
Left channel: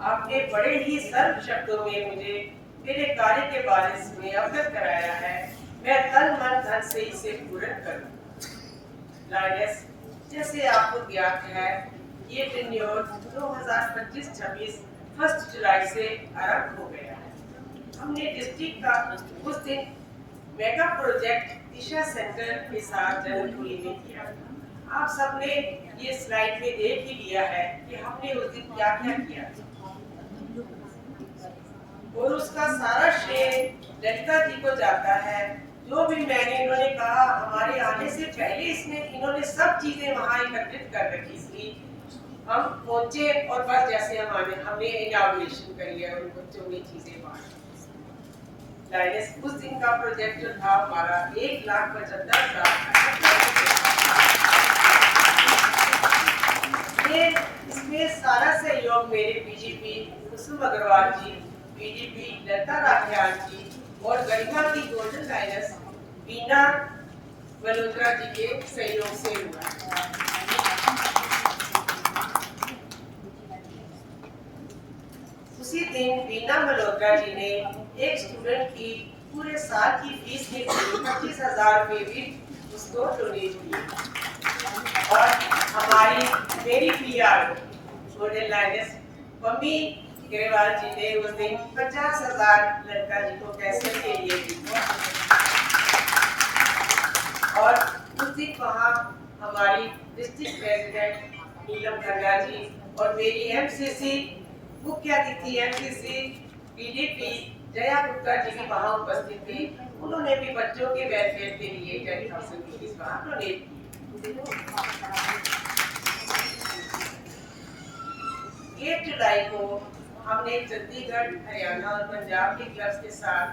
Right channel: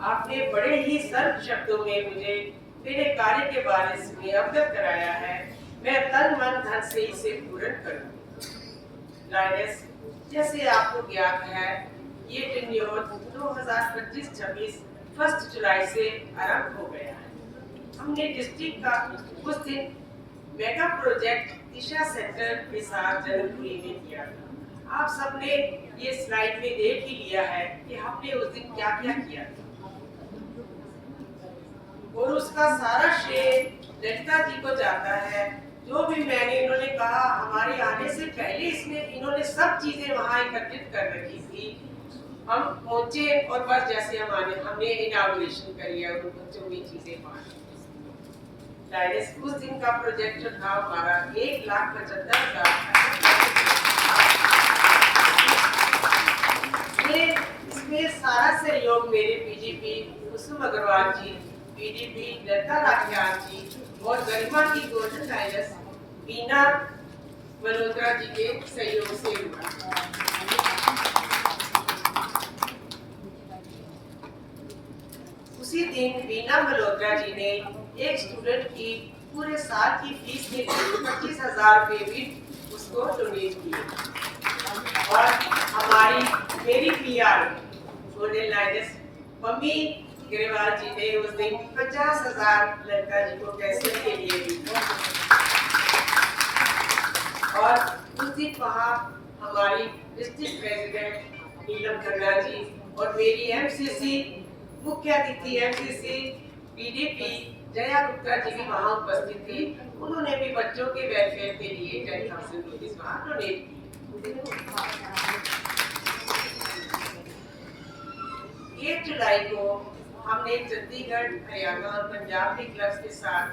आपने बड़े ही सरल शब्दों में मुझे मेरे कार्य के बारे में अवगत कराया है। मैं तन मन धन से इसे पूर्ण करूँ। लाइनेस, जैसे आपको ज्ञात है, ये टेन्योर 2025-26 1 जुलाई से आरंभ हो गया है। हमने डिस्ट्रिक्ट का उस दिन मेगा प्रोजेक्ट दिशा सेंटर के साथ जन्मभूमि में किया था। आप सबने ये स्लाइड में देख ही लिया है कि हमने उस दिन क्या क्या किया था, और उसका सारा श्रेय ललिता जी को जाता है। जो भी मैंने इन्होंने कहा, हमारे आने से पहले इन्होंने सब चीजें वहाँ एकत्रित कर रखी थी। हम पहुंचे और बस जैसे हमने इनॉग्रेशन करी है और बच्चों में चीजें बांटी। उस दिन का प्रोजेक्ट जो था हमारा 1,75,000 ये इसमें सारा सहयोग मेरे पीजीपी कुसुम अग्रवाल जी, पीडीपी लता राठियाल जी और गरिमा की गोल्डन लाइनस बीना मल्होत्रा जी के सहयोग से हुआ। उसी दिन बीना मल्होत्रा जी ने एक स्टूडेंट की पूरे साल की फीस के लिए 25,000 रुपए भी उसको डोनेट किए। और मेरी PR golden lioness mummy Grewal ji ने उस दिन 50,000 लड़का जी को पैसे के लिए दी। और उस दिन वहाँ हमारी डिस्ट्रिक्ट प्रेसिडेंट नीलम खन्ना जी और मेरी एमसीसी मुख्य अतिथि एमसीसी पीडीपी जया गुप्ता जी भी वहाँ उपस्थित थी। उन्होंने भी बच्चों के वेलफेयर के लिए 10,000 रुपीज वहाँ डोनेट किए। 8 जुलाई को हमने चंडीगढ़, हरियाणा और पंजाब के क्लब्स के साथ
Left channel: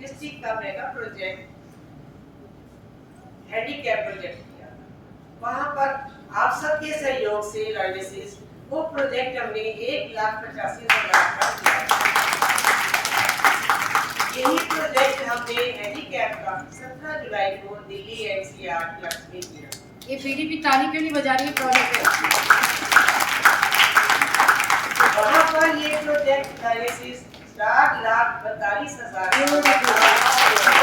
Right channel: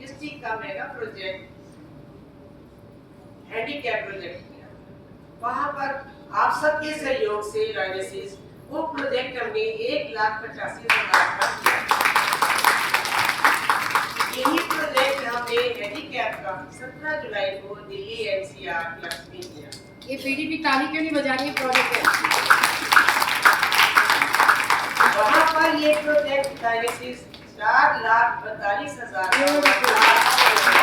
डिस्ट्रिक्ट का मेगा प्रोजेक्ट हैंडीकैप प्रोजेक्ट किया। वहाँ पर आप सबके सहयोग से राइडेसिस वो प्रोजेक्ट हमने 1,85,000 का किया। यही प्रोजेक्ट हमने हैंडीकैप का 17 जुलाई को दिल्ली एनसीआर क्लब्स में किया। ये पीडीपी ताली क्यों नहीं बजा रही है प्रोजेक्ट? वहाँ पर ये प्रोजेक्ट डायलिसिस 4,42,000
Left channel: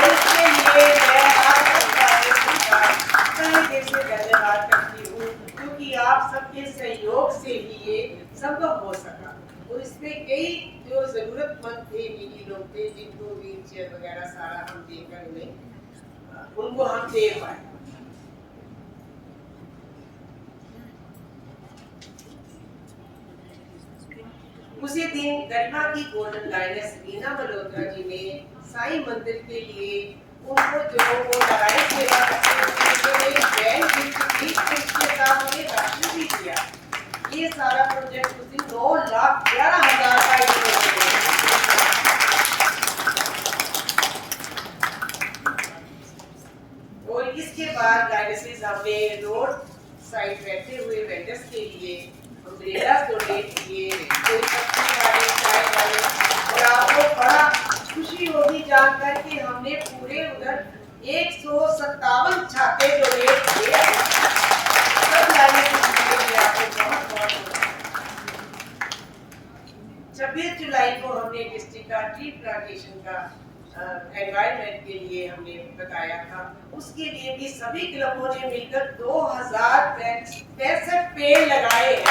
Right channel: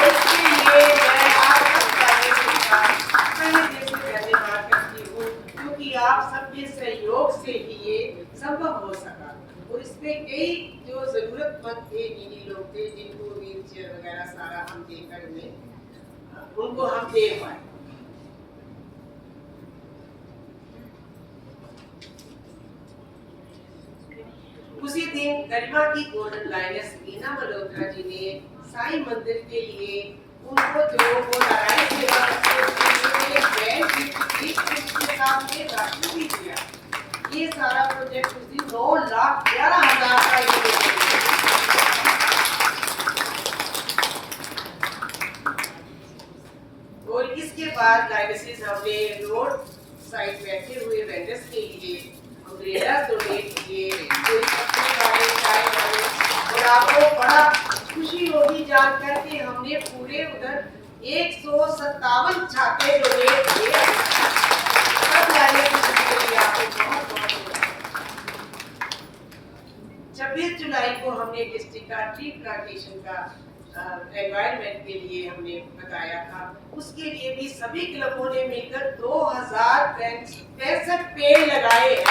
इसके लिए मैं आप सबका सही दिल से धन्यवाद करती हूँ, क्योंकि आप सबके सहयोग से ही ये संभव हो सका। और इसमें कई जो जरूरतमंद थे, नीडी लोग थे, जिनको व्हील चेयर वगैरह सारा हम देकर उनको हम दे पाए। उसी दिन गरिमा की गोल्डन लाइनस बीना मल्होत्रा जी ने साईं मंदिर के लिए उनको जो वो नारायण सेवा के साथ में राशि भी दिया। ये सारा प्रोजेक्ट उस दिन 9,11,000 का और इसके बाद डायलिसिस हमने रोड साइड बैठे हुए वेंडर्स के लिए अम्ब्रेलास डोनेट किए, कोई सब्जी वाले, चाय वाले, और आपको बड़ा खुशी होगी जानकर कि हमने पूरे उधर 157 छाते डोनेट किए। सब लाने के लिए आपको बहुत बहुत 26 जुलाई को हमने डिस्ट्रिक्ट का ट्री प्लांटेशन का एनवायरनमेंट के लिए हमने बताया था। उसके लिए भी सभी क्लबों ने मिलकर 2,065 पेड़ लगाए हैं।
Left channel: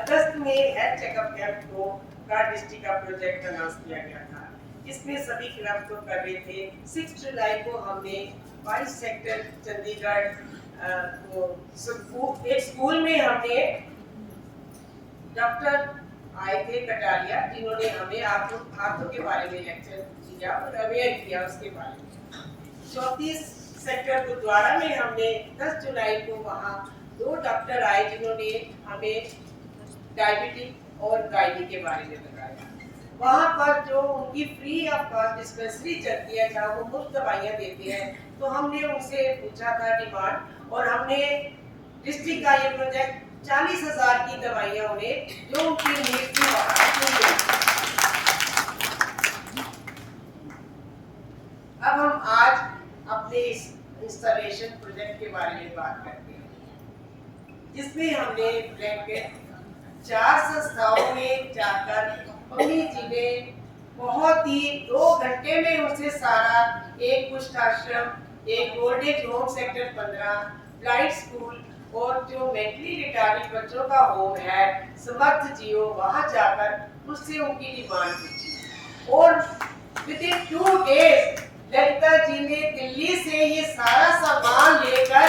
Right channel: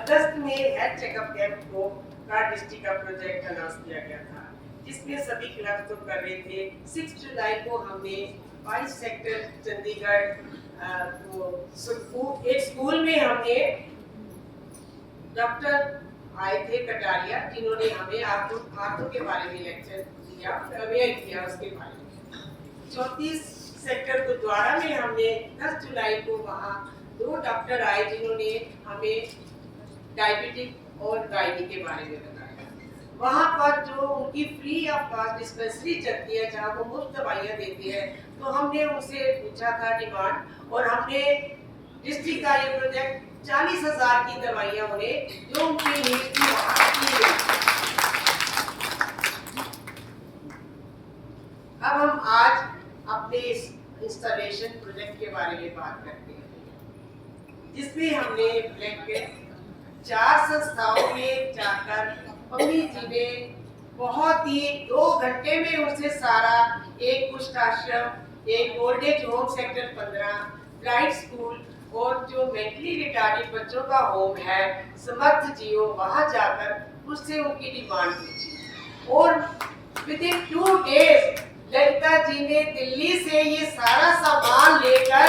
अगस्त में हेल्थ चेकअप कैंप को का डिस्ट्रिक्ट का प्रोजेक्ट अनाउंस किया गया था, जिसमें सभी क्लब तो कर रहे थे। 6 जुलाई को हमने 22 सेक्टर चंडीगढ़ एक स्कूल में हमने डॉक्टर आए थे कटारिया, जिन्होंने हमें आंखों के बारे में लेक्चर दिया और अवेयर किया उसके बारे में। 34 सेक्टर गुरुद्वारा में हमने 10 जुलाई को वहाँ 2 डॉक्टर आए, जिन्होंने हमें डायबिटिक और गायनी के बारे में बताया। वहाँ पर जो उनकी फ्री ऑफ कॉस्ट डिस्पेंसरी चलती है, जहाँ वो मुफ्त दवाइयाँ देते हैं, तो हमने उनसे पूछा था डिमांड, और हमने डिस्ट्रिक्ट का ये प्रोजेक्ट 40,000 की दवाइयां उन्हें जो उनकी नीड थी वहाँ मिल गई। अब हम आज अपने इस इंस्टॉलेशन प्रोजेक्ट के बारे में बात करते हैं, जिसमें हमने ब्लैंकेट 4 संस्थाओं में जाकर मम्मी जी ने बहुत ही 2 घंटे में उसे सारा एक कुष्ठ आश्रम, एक old age home sector 15, blind school और जो मेंटली रिटार्डेड बच्चों का होम है समर्थ जियो, वहां जाकर उससे उनकी डिमांड पूछी और with in 2 days Lalita ji ने दिल्ली से ये सारा सामान लेकर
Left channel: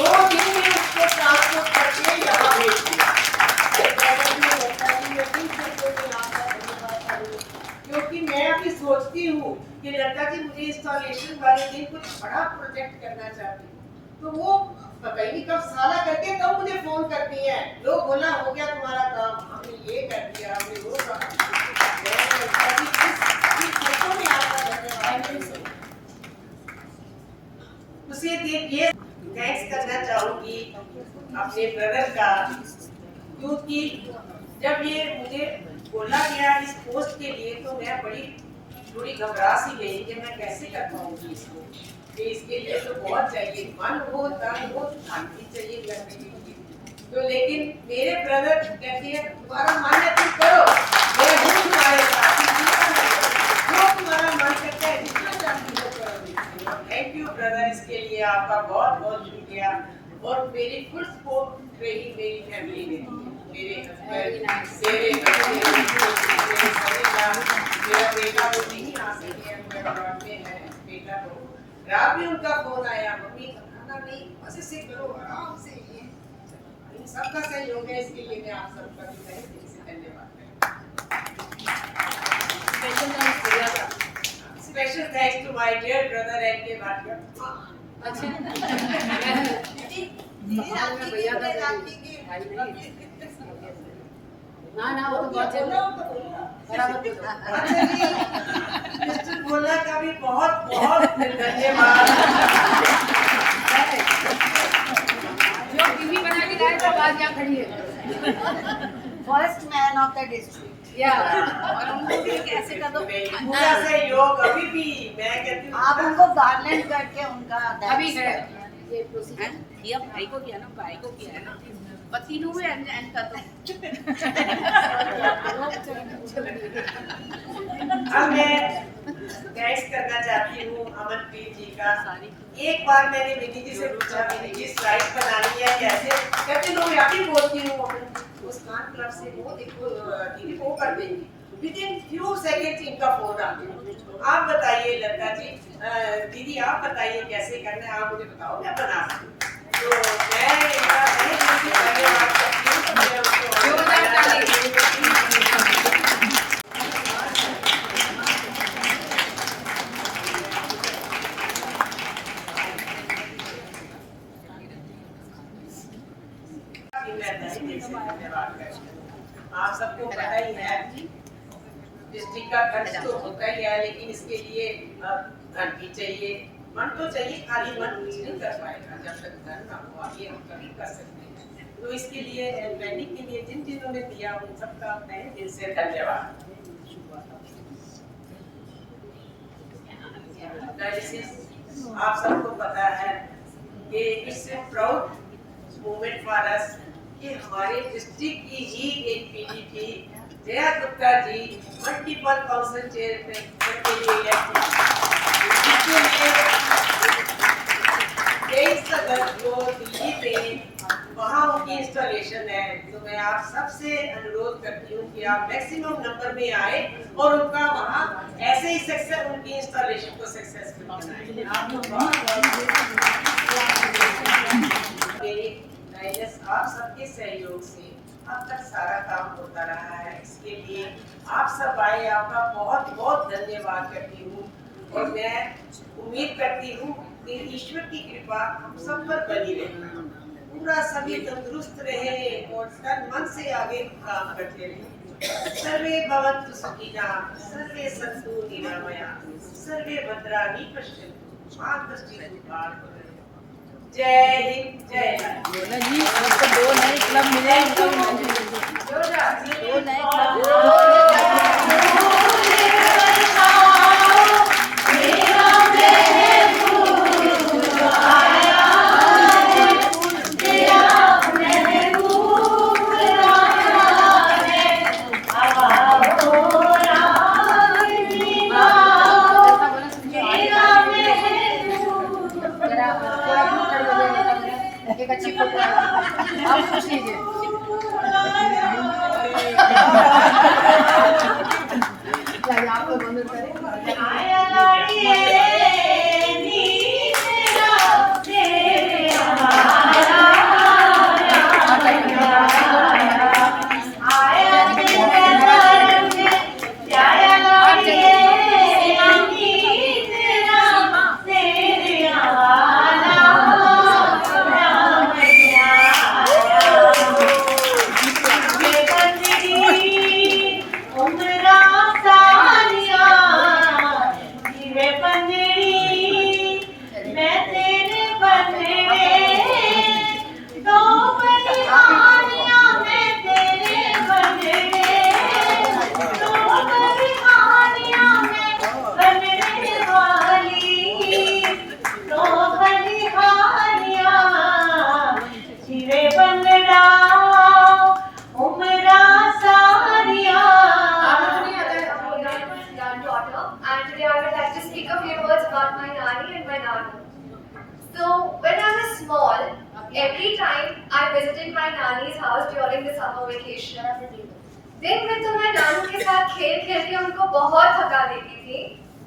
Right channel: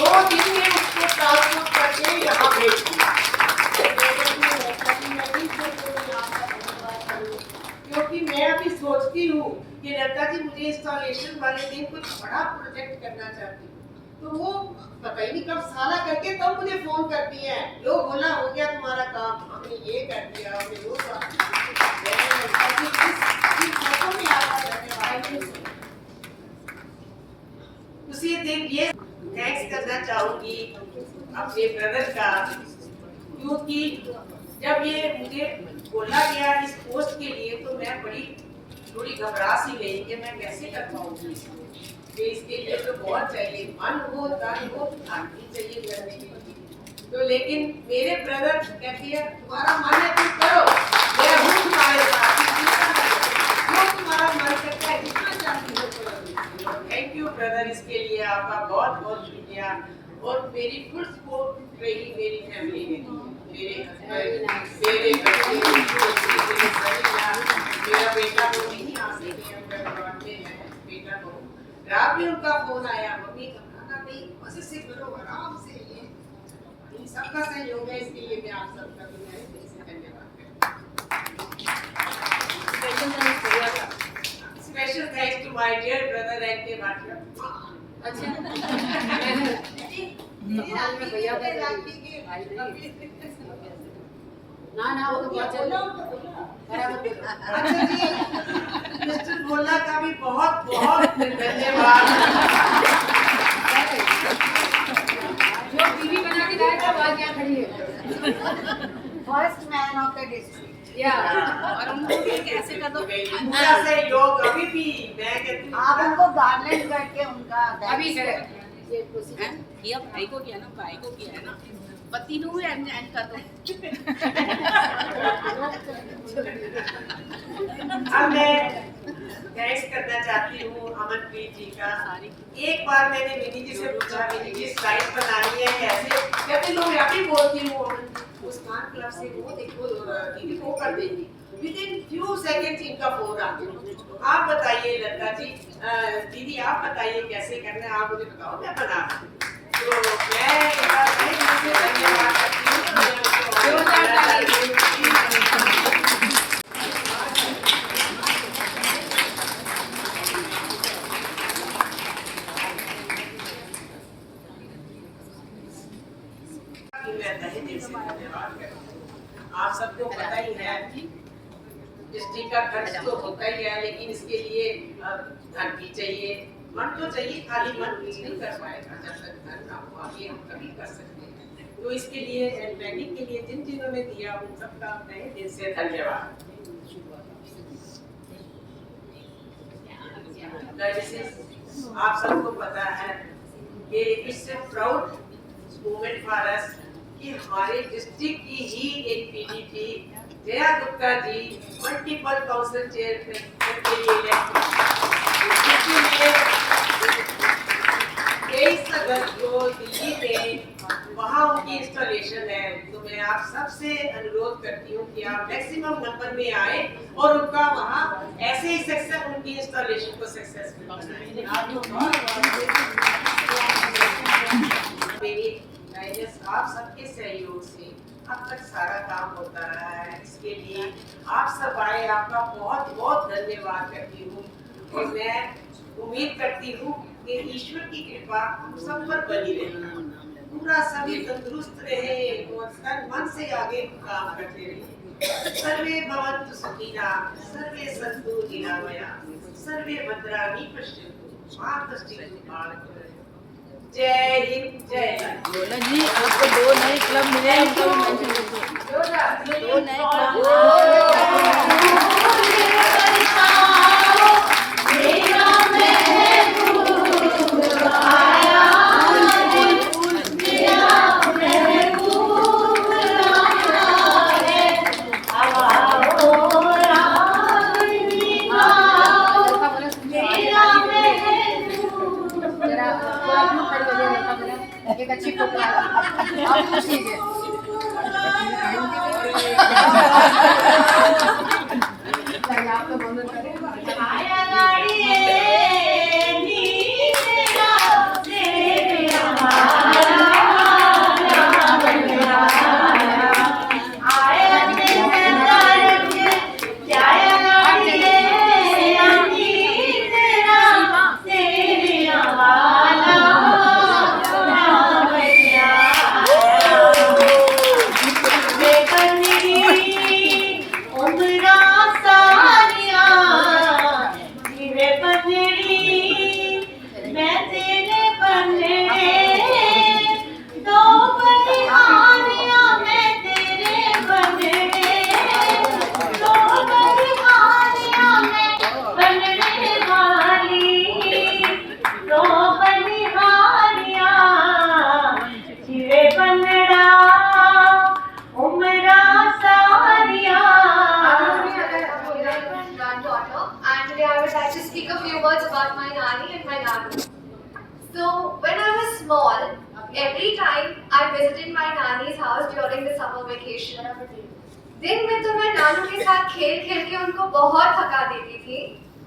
2 दिन में उसको ट्रांसपोर्ट करके यहाँ भेज दिया। क्योंकि मैं अभी सोचती हूँ कि ललिता जी मुझे इंस्टॉलेशन वाले दिन कुछ बड़ा प्रोजेक्ट करना चाहती हूँ, तो वो पता ही नहीं कब साला करके तब मुझे फोन करती है, लो बोला हो गया तुम्हारा काम, हमने ये कर दिया, हमने वो उसी दिन ये थैंक्स करना चाहूंगी अपने ब्रदर का, क्योंकि जब ये मुझे बोला गया इस पोस्ट के लिए तो मैं थोड़ी घबरा सी गई कि मैं कैसे कर पाऊंगी इसको, कि इसके लिए तो बहुत चाहिए, मन हो, तन हो, शांति चाहिए करने के लिए। तो लेकिन मेरे ब्रदर कहते हैं तुम्हारा मन है तुम करो, मैं हूँ तुम्हारे साथ, जो तुम्हारा मन करता है जितना चाहती हो करो। थैंक यू ब्रदर, इसके लिए आपका बहुत बहुत शुक्रिया। और मेरी फुल सपोर्ट रही मेरी फैमिली ने, मेरे हस्बैंड, मेरे बच्चे, मेरा बेटा वो नहीं आ सके, अहमदाबाद में है बेटा, को रात में उनका फोन आया, मम्मी खाना नहीं, बस इसे करो आराम से, ये इन सबका सहयोग है, इसके लिए मैं आप सबका भी मैं दिल से धन्यवाद करता हूँ। Special thanks to my dear brother and K Bhatia. ना वो तो बहुत अच्छा जी, मिस्टर भोला का भी बहुत बहुत धन्यवाद। जो टीवी बना के गए तो आवाज यहाँ खड़ी है, first man of the district, या और उनको भी कैसे कर दो पूरा सहयोग अभी भी मैं कहती हूँ, आप उनको गार्लैंड करके उनका अभी है किया, भाई को किया ना, भाई को किया है ना, पति नु एंड का तो अब मैं थैंक्स करना चाहती हूँ अमनप्रीत जी का। एक बार मैंने विधि जी से पूछा विधि जी स्लाइड बनानी है कैसे, कहते लो मैं अभी बोलती हूँ, मुस्कान क्लब से वो देखो दीदी वो कर देंगी, विद इन फ्यू सेकंड्स इनका फोन आ गया। आप बताइए लता जी, दीदी आप बताइए कैसे करना है, आप मुझे बताओ मैं बना दूँ। तो मैं इनका धन्यवाद करती हूँ। आप सबको पता ही है डिस्ट्रिक्ट का खर्च तो होता ही है, लेकिन इसके लिए धन भी चाहिए, मन तो चाहिए, खाली मन कुछ नहीं कर पाएगा जब तक धन ना हो, आगे हम कभी कर सकते हैं। तो इसके लिए ट्रेनिंग के लिए जिन जिन्होंने दिया उन सबका तहे दिल से धन्यवाद। आप सबको पता है कि it's a proud moment for us कि हमारे डिस्ट्रिक्ट की ही एक पीडी थी जया गुप्ता जी मल्टीपल काउंसिल चेयरमैन के लिए इलेक्ट, इसके लिए 23 अगस्त को दिल्ली में वहाँ उनकी इंस्टॉलेशन है। तो मैं आप सबसे अनुरोध करती हूँ कि आप मैक्सिमम नंबर में आए और उनका वहाँ ऐसे ही सक्सेस उनकी इंस्टॉलेशन को सक्सेसफुल बनाएं। आप सबके सहयोग से अब तक सारा काम होता रहा है, इसके लिए आप सब आए, आपका बहुत बहुत धन्यवाद करती हूँ। और मैं उम्मीद करती हूँ कि ईश्वर की कृपा हम सब पर बनी रहे, पूरा सभी तंदुरुस्त रहे और तन मन से आगे काम करते रहे। सर्वे भवन्तु सुखिनः, सर्वे सन्तु निरामयाः, सर्वे भद्राणि पश्यन्तु मा कश्चित् दुःखभाग् भवेत्। जय हिंद जय भारत। बोलो जी, आपको 2 नए क्लब मिले हैं, उनका भी mention कीजिए। 2 नए क्लब। जरा थोड़ा क्यों खड़े हो गए लड़का बोला, एक अच्छी फोटो आई आप पूछ लीजिए। चलिए आप लोग मदद करें। And today I would like to speak a few words about my nanny and my nanu. So when I was small, every time I visited my nanny's house during the summer vacation, दिन में तो मैं नानू के साथ खेल खेल के उनको बहुत थका देती थी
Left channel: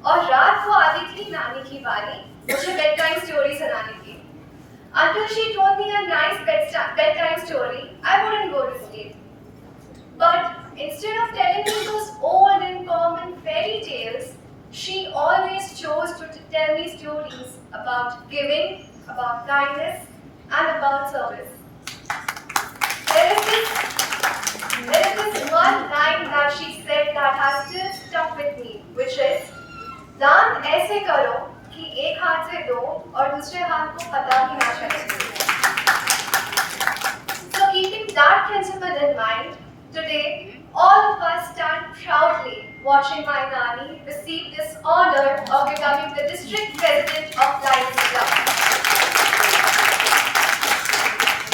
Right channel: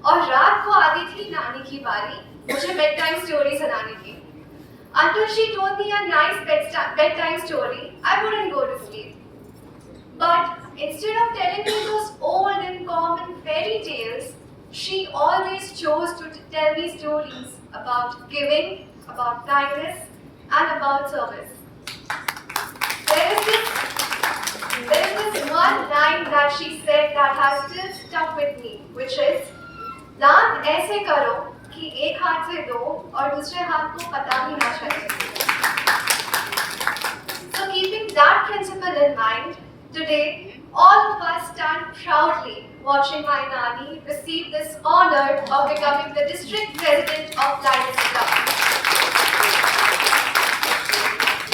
और रात को आती थी नानी की बारी मुझे बेड टाइम स्टोरी सुनाने की. Until she told me a nice bedtime story, I wouldn't go to sleep. But instead of telling me those old and common fairy tales, she always chose to tell me stories about giving, about kindness, and about service. There is this one line that she said that has still stuck with me, which is, दान ऐसे करो कि एक हाथ से दो और दूसरे हाथ को पता भी ना चले. So keeping that principle in mind, today all of us stand proudly watching my Nani receive this honor of becoming the district president of Lions Club.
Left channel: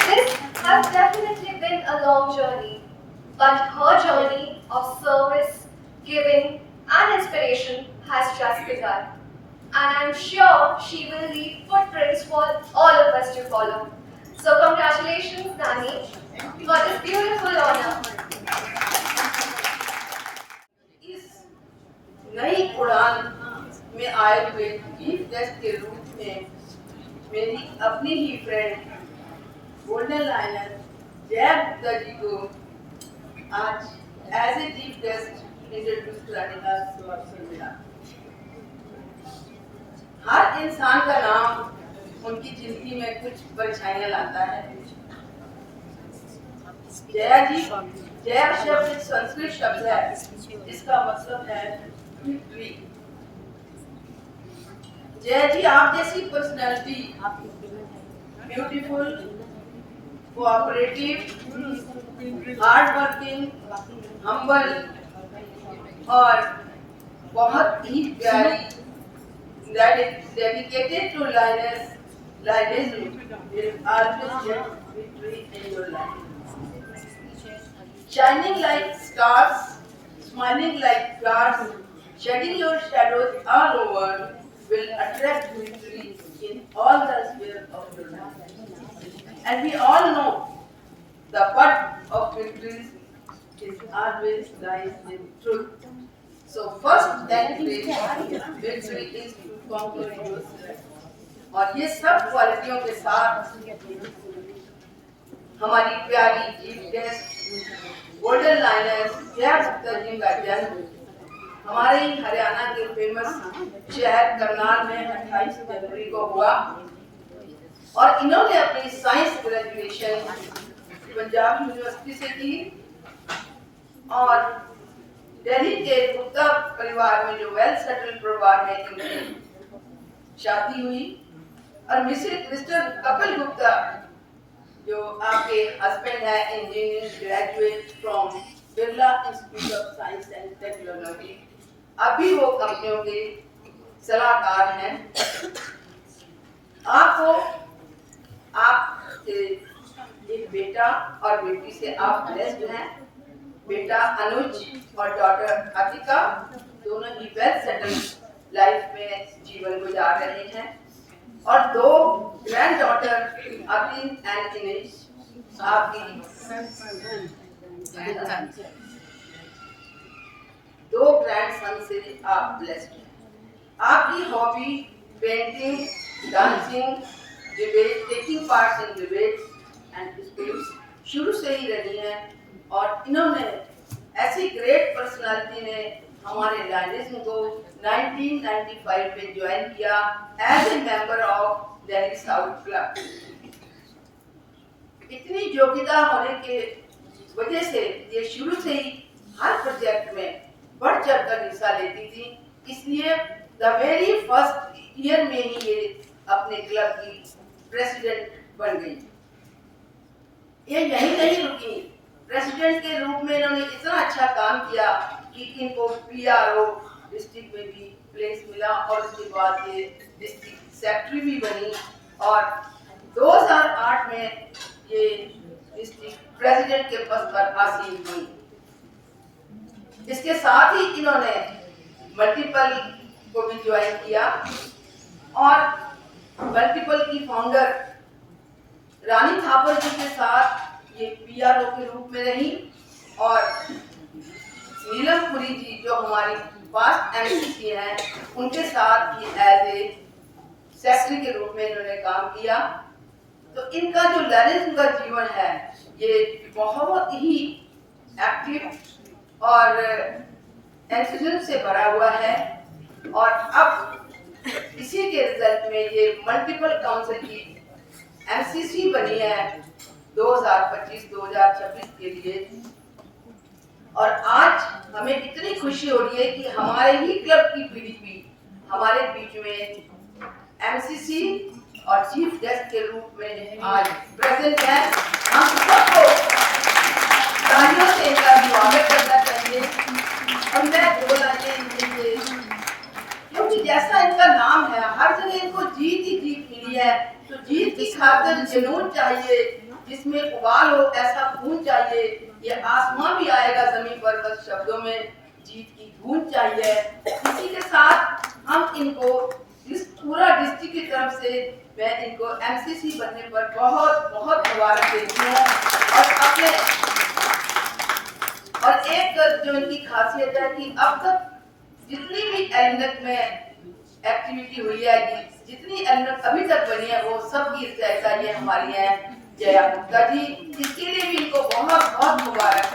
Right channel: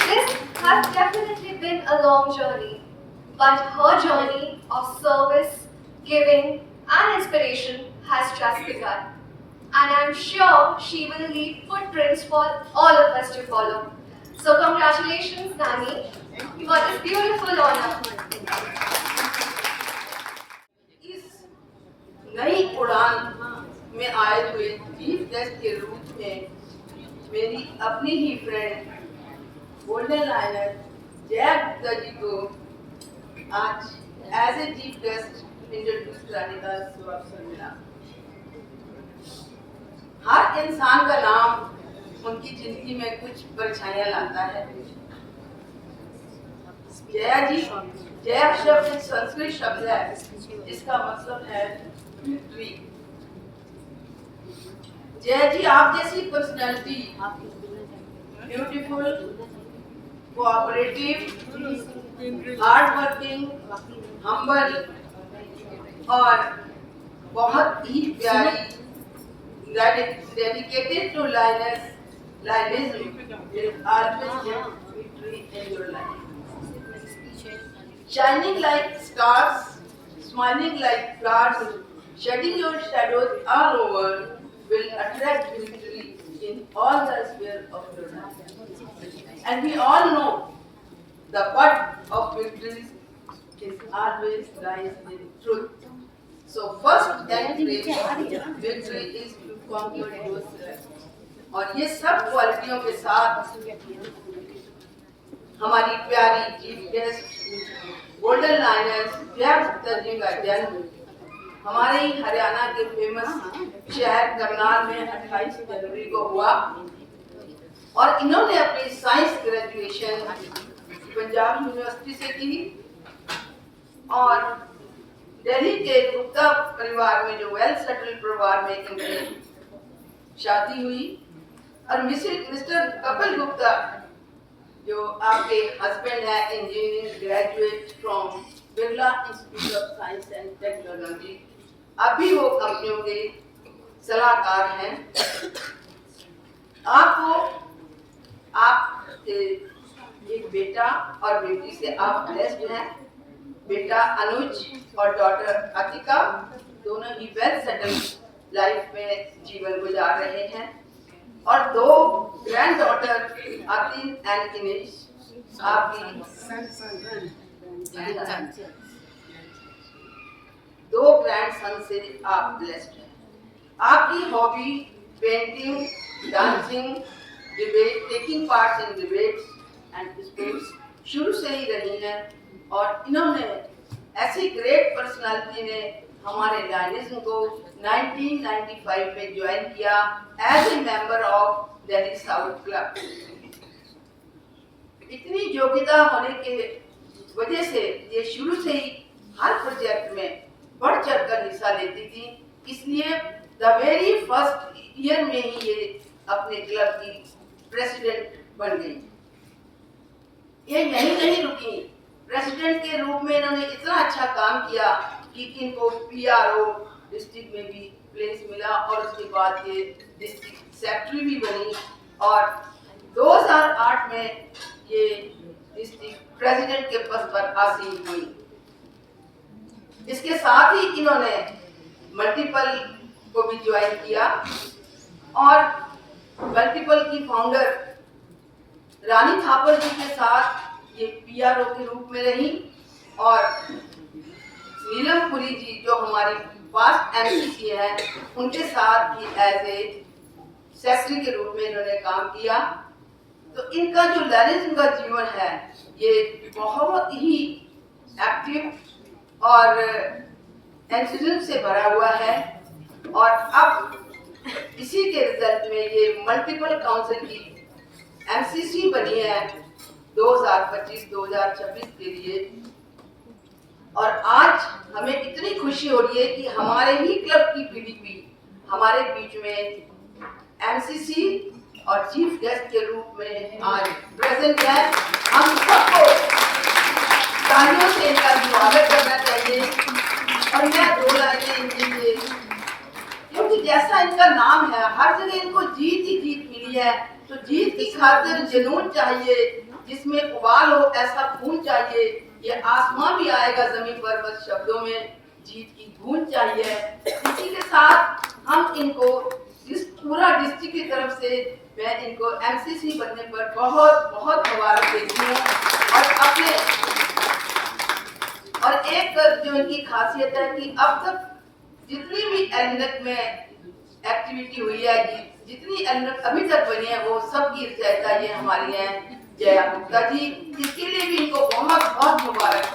This has definitely been a long journey, but her journey of service, giving, and inspiration has just begun. And I'm sure she will leave footprints for all of us to follow. So congratulations, Nani, for this beautiful honor. नई उड़ान में आए हुए chief guest के रूप में मेरी अपनी ही friend golden liner Jaya Gupta ji को आज as a chief guest introduce कराने का अवसर मिला. हर इंसान का नाम उनकी जिंदगी में कुछ परेशानियां लाता है. जया जी, जया शब्द एक संस्कृत शब्द है जिसका मतलब है विक्ट्री. जया जी, आप जैसी personality beautiful, cooperative, hard working, humble और बहुत ही प्यारी, dedicated to Lionism will always get victory in your life. Shining like stars, smiling like flowers, shedding your shadows all over will attract victory in all the spheres of your life. And we all know the path of victory is always lies in truth. So first and victory is to conquer yourself. और ये सब क्वालिटियों के साथ हमारी प्यारी chief guest golden liner Jaya Gupta ji का जन्म हमारे ही हरियाणा के फेमस शहर करनाल में 28 जनवरी को हुआ और इन्होंने अपनी साइंस ग्रेजुएशन पंजाब यूनिवर्सिटी से की और दिल्ली के गुप्ता परिवार में जो वेल सेटल्ड परिवार में इनकी शादी हुई और मिस्टर कपिल गुप्ता जो आपके हस्बैंड है, engineering graduate from Birla institute of science and technology, अभी वो कंपनियों के सलाहकार हैं। आपको आप एक बेटा और बेटी से आप ब्लेस्ड हैं। बेटा अनुज और डॉटर अतिका दोनों ही वेल सेटल्ड लाइफ में जीवन गुजार रहे हैं और 2 ग्रैंड डॉटर अतिन एंड इनेश आपकी 2 ग्रैंड सन से आप ब्लेस्ड हैं। आपकी hobby painting, dancing, debate, taking part in debates and sports शुरू से ही रही हैं और इन्होंने ऐसी ग्रेट पर्सनालिटी ने हमारे लाइनिज्म को 1995 में ज्वाइन किया as a member of Delhi south club. इतनी योग्यता होने के वजह से ये शुरू से ही हर प्रोजेक्ट में बढ़ चढ़कर हिस्सा लेती थी, इसलिए द वेरी फर्स्ट ईयर में ही ये अपने क्लब की प्रेसिडेंट बन गई। ये यही नहीं रुकी, प्रेसिडेंट के रूप में इन्होंने इतना अच्छा काम किया कि इनको PRO डिस्ट्रिक्ट में भी प्लेस मिला और उसके बाद ये डिस्ट्रिक्ट सेक्रेटरी भी बनी और 2008 में ये डिस्ट्रिक्ट प्रेसिडेंट के पद पर आसीन हुई। इसके साथ ही इन्होंने मल्टीपल को भी ज्वाइन किया और मल्टीपल की फाउंडर रानी थापर जी के साथ ये PRO के रूप में रही और नीलम पुरी जी जो हमारी पास्ट MCC हैं उनके साथ भी एज ए सेक्रेटरी के रूप में इन्होंने काम किया। तो इनका जो लाइनिज्म का जीवन है ये बहुत ही एक्टिव और एंथुसियाज्म से भरा हुआ है और अब इसी के रिजल्ट में ये मल्टीपल काउंसिल की MCC बनी है 2025-2026 के लिए। और आज हमें इतनी खुशी हो रही है कि हमारे ही क्लब की PDP हमारे बीच में MCC और चीफ गेस्ट के रूप में आज प्रेजेंट है। हम सबको तालियों से इनका स्वागत करना चाहिए और मैं 2 लाइनें इनके, क्योंकि जैसा इनका नाम है हर जगह इनको जीत ही जीत मिली है, तो जीत की खातिर जुनून चाहिए, जिसमें उबाल हो ऐसा खून चाहिए, ये आसमां भी आएगा जमीन पर, बस शब्दों में जीत की धून चाहिए। इसी के साथ हम इनको इस पूरा डिस्ट्रिक्ट की तरफ से मैं इनको MCC बनने पर बहुत बहुत मुबारक देती हूँ और एक जो इनकी खासियत है कि अब तक जितनी भी एलिनक में एक्टिविटी हुई है, जितनी एलिनक अभी तक बनी है वो सब की रचयिता ये हमारी है जया गुप्ता जी, इसके लिए भी इनको बहुत बहुत मुबारक।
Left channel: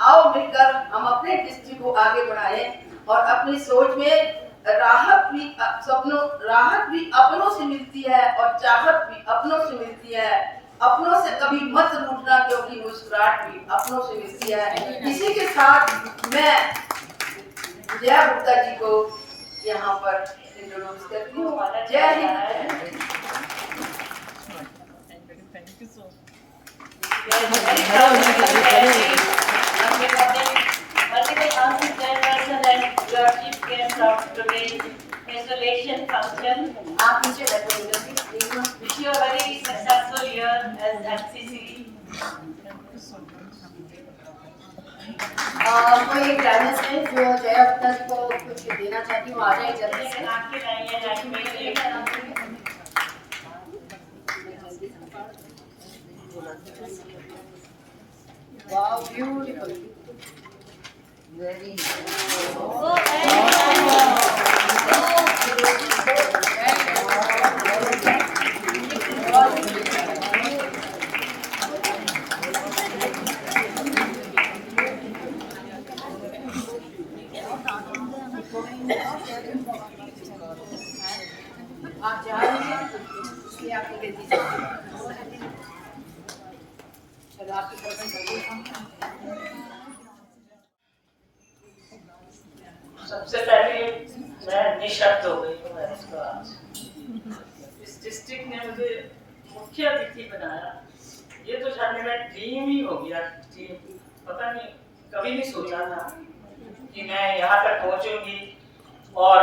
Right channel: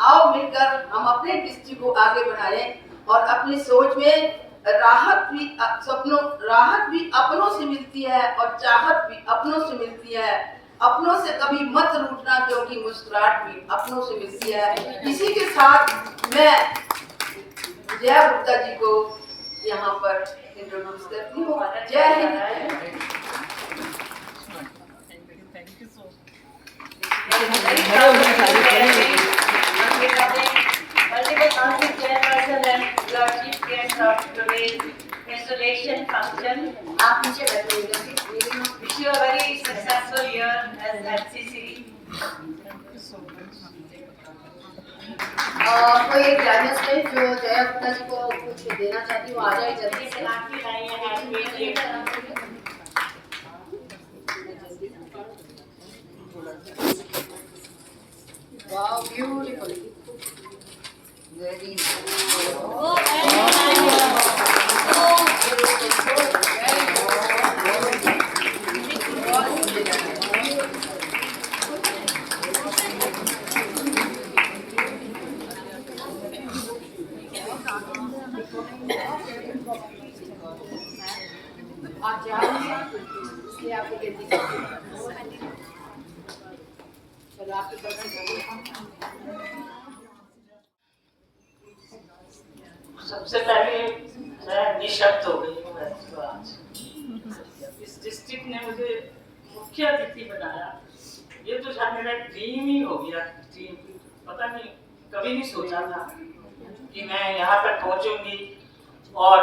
आओ मिलकर हम अपने डिस्ट्रिक्ट को आगे बढ़ाएं और अपनी सोच में राहत भी अपनों से मिलती है और चाहत भी अपनों से मिलती है। अपनों से कभी मत रूठना क्योंकि मुस्कुराहट भी अपनों से मिलती है। इसी के साथ मैं जया गुप्ता जी को यहाँ पर इंट्रोड्यूस करती हूँ। जय Hind. Installation function. Wish you a very successful year as MCC. कोई ग्रेजुएट्स में जो जया गुप्ता जी को कुछ देना चाहती हूँ, आ जाए जल्दी से। वाओ ब्यूटीफुल, वेरी आप जा रहे हैं इसलिए आपको कहती चलो आपकी तरफ से। सबसे पहले मैं निशब्द हो गई हूँ इसको आज। इस डिस्ट्रिक्ट ने मुझे मुख्य अतिथि बनाया, ये तो शायद मेरा ड्रीम ही हो गया। ड्रीम पता नहीं, कभी नहीं सोचा था कि मैं यहाँ तक पहुँचूंगी और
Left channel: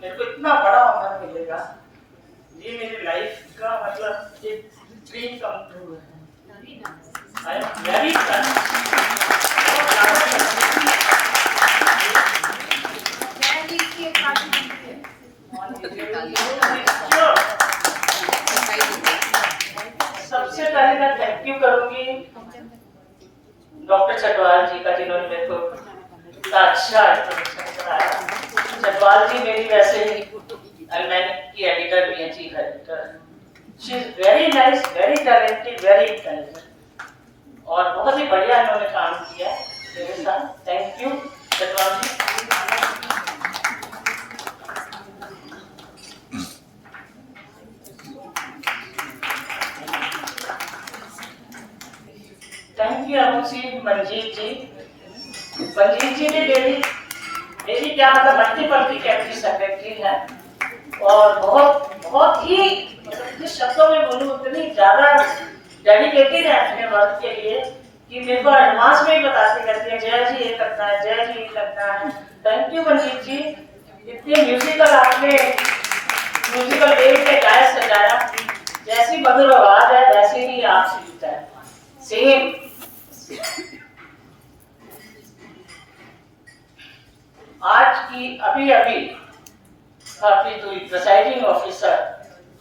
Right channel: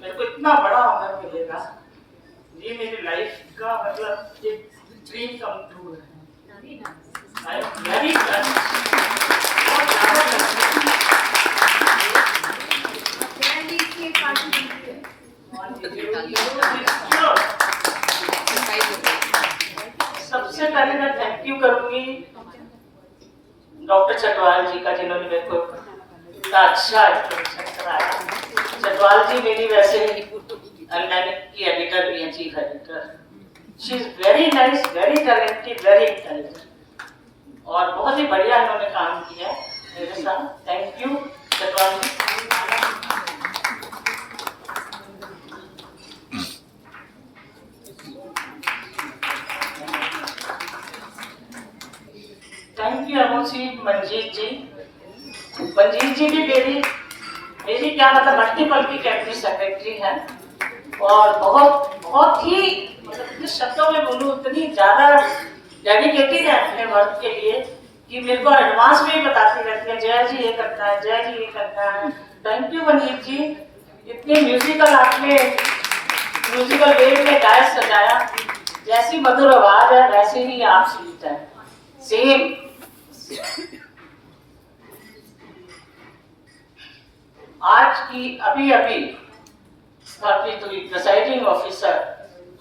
मेरे को इतना बड़ा ऑनर मिलेगा। ये मेरी लाइफ का मतलब एक ड्रीम कम ट्रू है। I am very सबसे पहले मैं थैंक यू करूंगी डॉक्टर चटवाल जी का, जिन्होंने मेरे को इतना अच्छा इंट्रोडक्शन कराया। चटवाल जी मेरी वैसे ही अल्मैनिक की एडिटर भी हैं, chief editor. She is very nice, very talented, very intelligent और बहुत ही बढ़िया इन्होंने काम किया मेरे साथ। Thank you Chatwal ji. Thank you अमुसी मंजीत जी। मंजीत जी की मेरी क्या मतलब मल्टीपल की कैबिनेट सेक्रेटरी है और बहुत ही जिस शब्दों में बोलूं उतनी ज्यादा डेडिकेटेड है अपने वर्क के लिए कि मेरे को एडवांस में ही बताती रहती है, जय जी ये करना है, जय जी ये करना है। थैंक यू मंजीत जी, इतनी म्यूजिकल आपने म्यूजिकल वेव में गाया सजाया। जैसी मधुर आवाज है वैसे ही आप स्वीट है, सेम। आज की अभी आपकी तो प्रिसाइडिंग ऑफिसर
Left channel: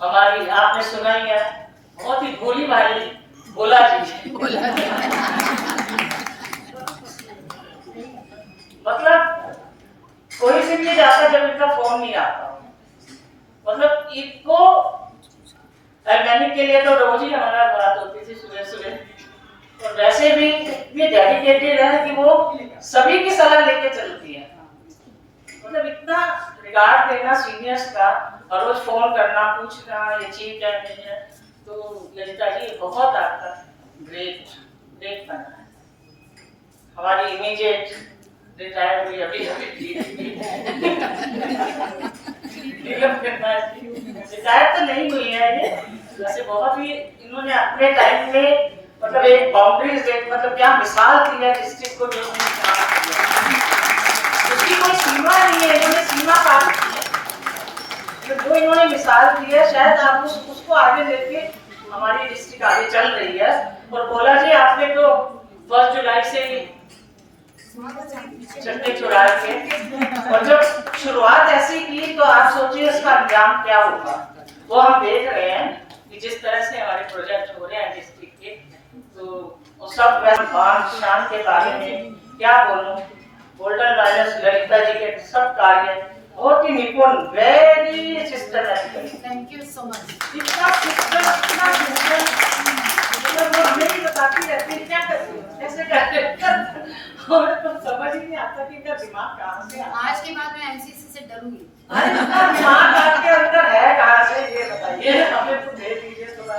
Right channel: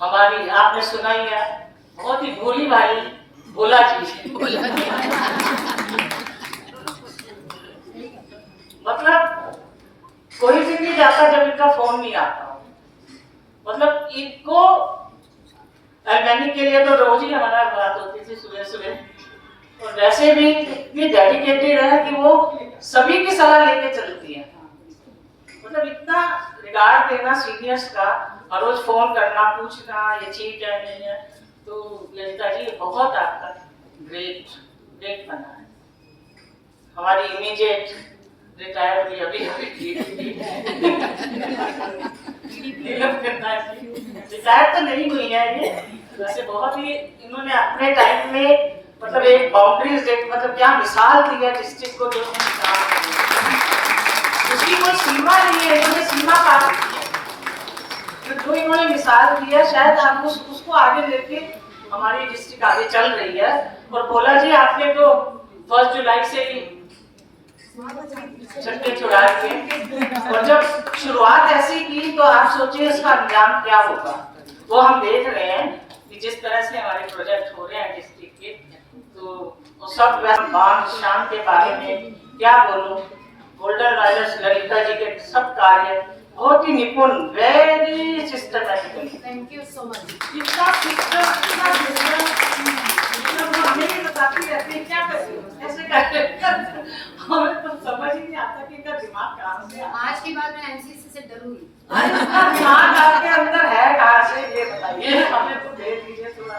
हमारी, आपने सुना ही है, बहुत ही भोली भाई भोला जी। मतलब कोई दिन नहीं जाता जब इनका फोन नहीं आता। मतलब इनको अल्मैनिक के लिए तो रोज ही हमारा बात होती थी सुबह सुबह, और वैसे भी इतनी डेडिकेटेड है कि वो सभी की सलाह लेके चलती है। मतलब इतना रिगार्ड देना सीनियर्स का और रोज फोन करना, पूछना ये ठीक है नहीं है। तो ललिता जी बहुत आपका ग्रेट बना है। हमारी इमीडिएट रिटायर हुई अभी रिटायर तो नहीं हुई है ये, वैसे बहुत ही इन्होंने अपने टाइम में मतलब एक बाउंड्रीज मतलब क्या मिसाल दी है डिस्ट्रिक्ट को, जो उसकी कोई सीमा नहीं है, इन्होंने सीमा पार की है। जो इन्होंने मिसाल दी है शायद आप उसको आगे लेके हमारी डिस्ट्रिक्ट आगे चल रही है। और भोला जी आपने तो 1 जुलाई से ही झंडे चुराए थे और जब शुरुआत ऐसी की तो आप सोचिए इसका अंजाम क्या होगा। वो हम देख रहे हैं कि जिस तरह से हमारे प्रोजेक्ट हो रहे हैं डिस्ट्रिक्ट के, तो सब मान शान के बारे में क्या बोलूं। गोल्डन वायरस ललिता जी के सब कार्य बहुत ही निपुण, very systematic. Thank you so much. इतना सिस्टम, इतना मतलब वो हमें ही बताती रहती है क्या करें, कैसे करें। हमें तो समझ ही नहीं आता कि इनका दिमाग कहाँ से आता है। आज के बाद मैं एमसीसी से डरूंगी। अरे इनका दिमाग आपके अंदर है कहाँ से, ये बताइए। हमें तो दे दीजिए थोड़ा,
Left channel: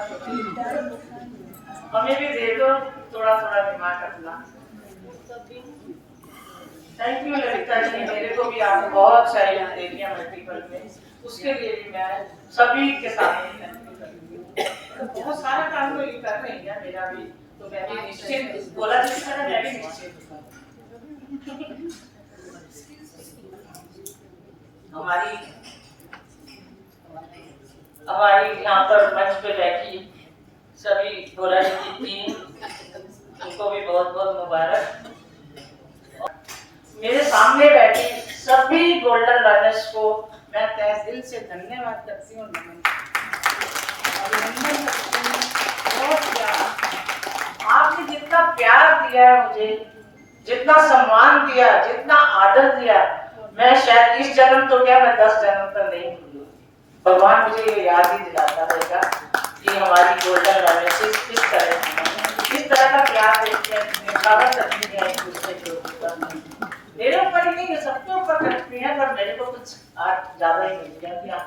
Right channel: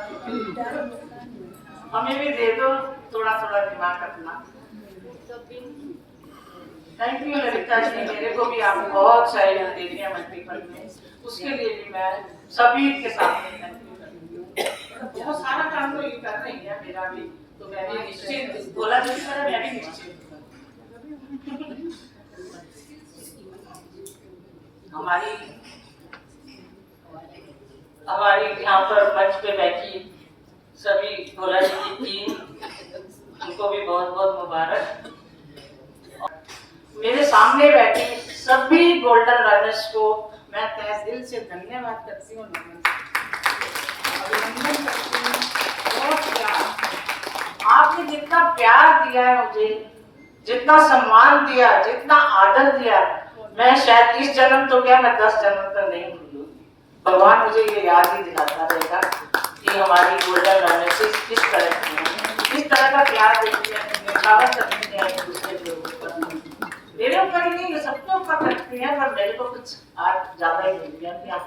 हमें भी दे दो थोड़ा दिमाग अपना। थैंक यू ललिता जी, मेरे को भी आप बहुत सहयोग दे दिया मल्टीपल में, उसके लिए भी मैं सभी के सामने थैंक यू करती हूँ। बहुत सारा काम तो ये कर रही है मेरा भी, तो मैं भी निश्चित बोला जिस तरह मैं भी निश्चित हमारी यहाँ पर मंच पे बैठी सभी भोला जी की टीम, उनको भी बहुत बहुत मुबारक। मेरे सामने बैठी सभी गोल्डन रनर्स को मैं तहे दिल से धन्यवाद करती हूँ, नमन अभिनंदन करती हूँ। बहुत प्यार, आपने जितना प्यार दिया है मुझे, जितना सम्मान दिया, जितना आदर दिया, मैं शायद इस जन्म तो क्या मैं 10 जन्म तक नहीं भूलूंगी। भगवान मुझे ये याद ही दिलाता रहेगा कि हमारी गोल्डन रनर्स किस तरह की, किस तरह का प्यार देते हैं, निभावा करती है एक दूसरे के ऊपर। मेरे ऊपर ही नहीं, सबके ऊपर करती है, पर मेरे को कुछ आज ज्यादा ही मिल गया क्या।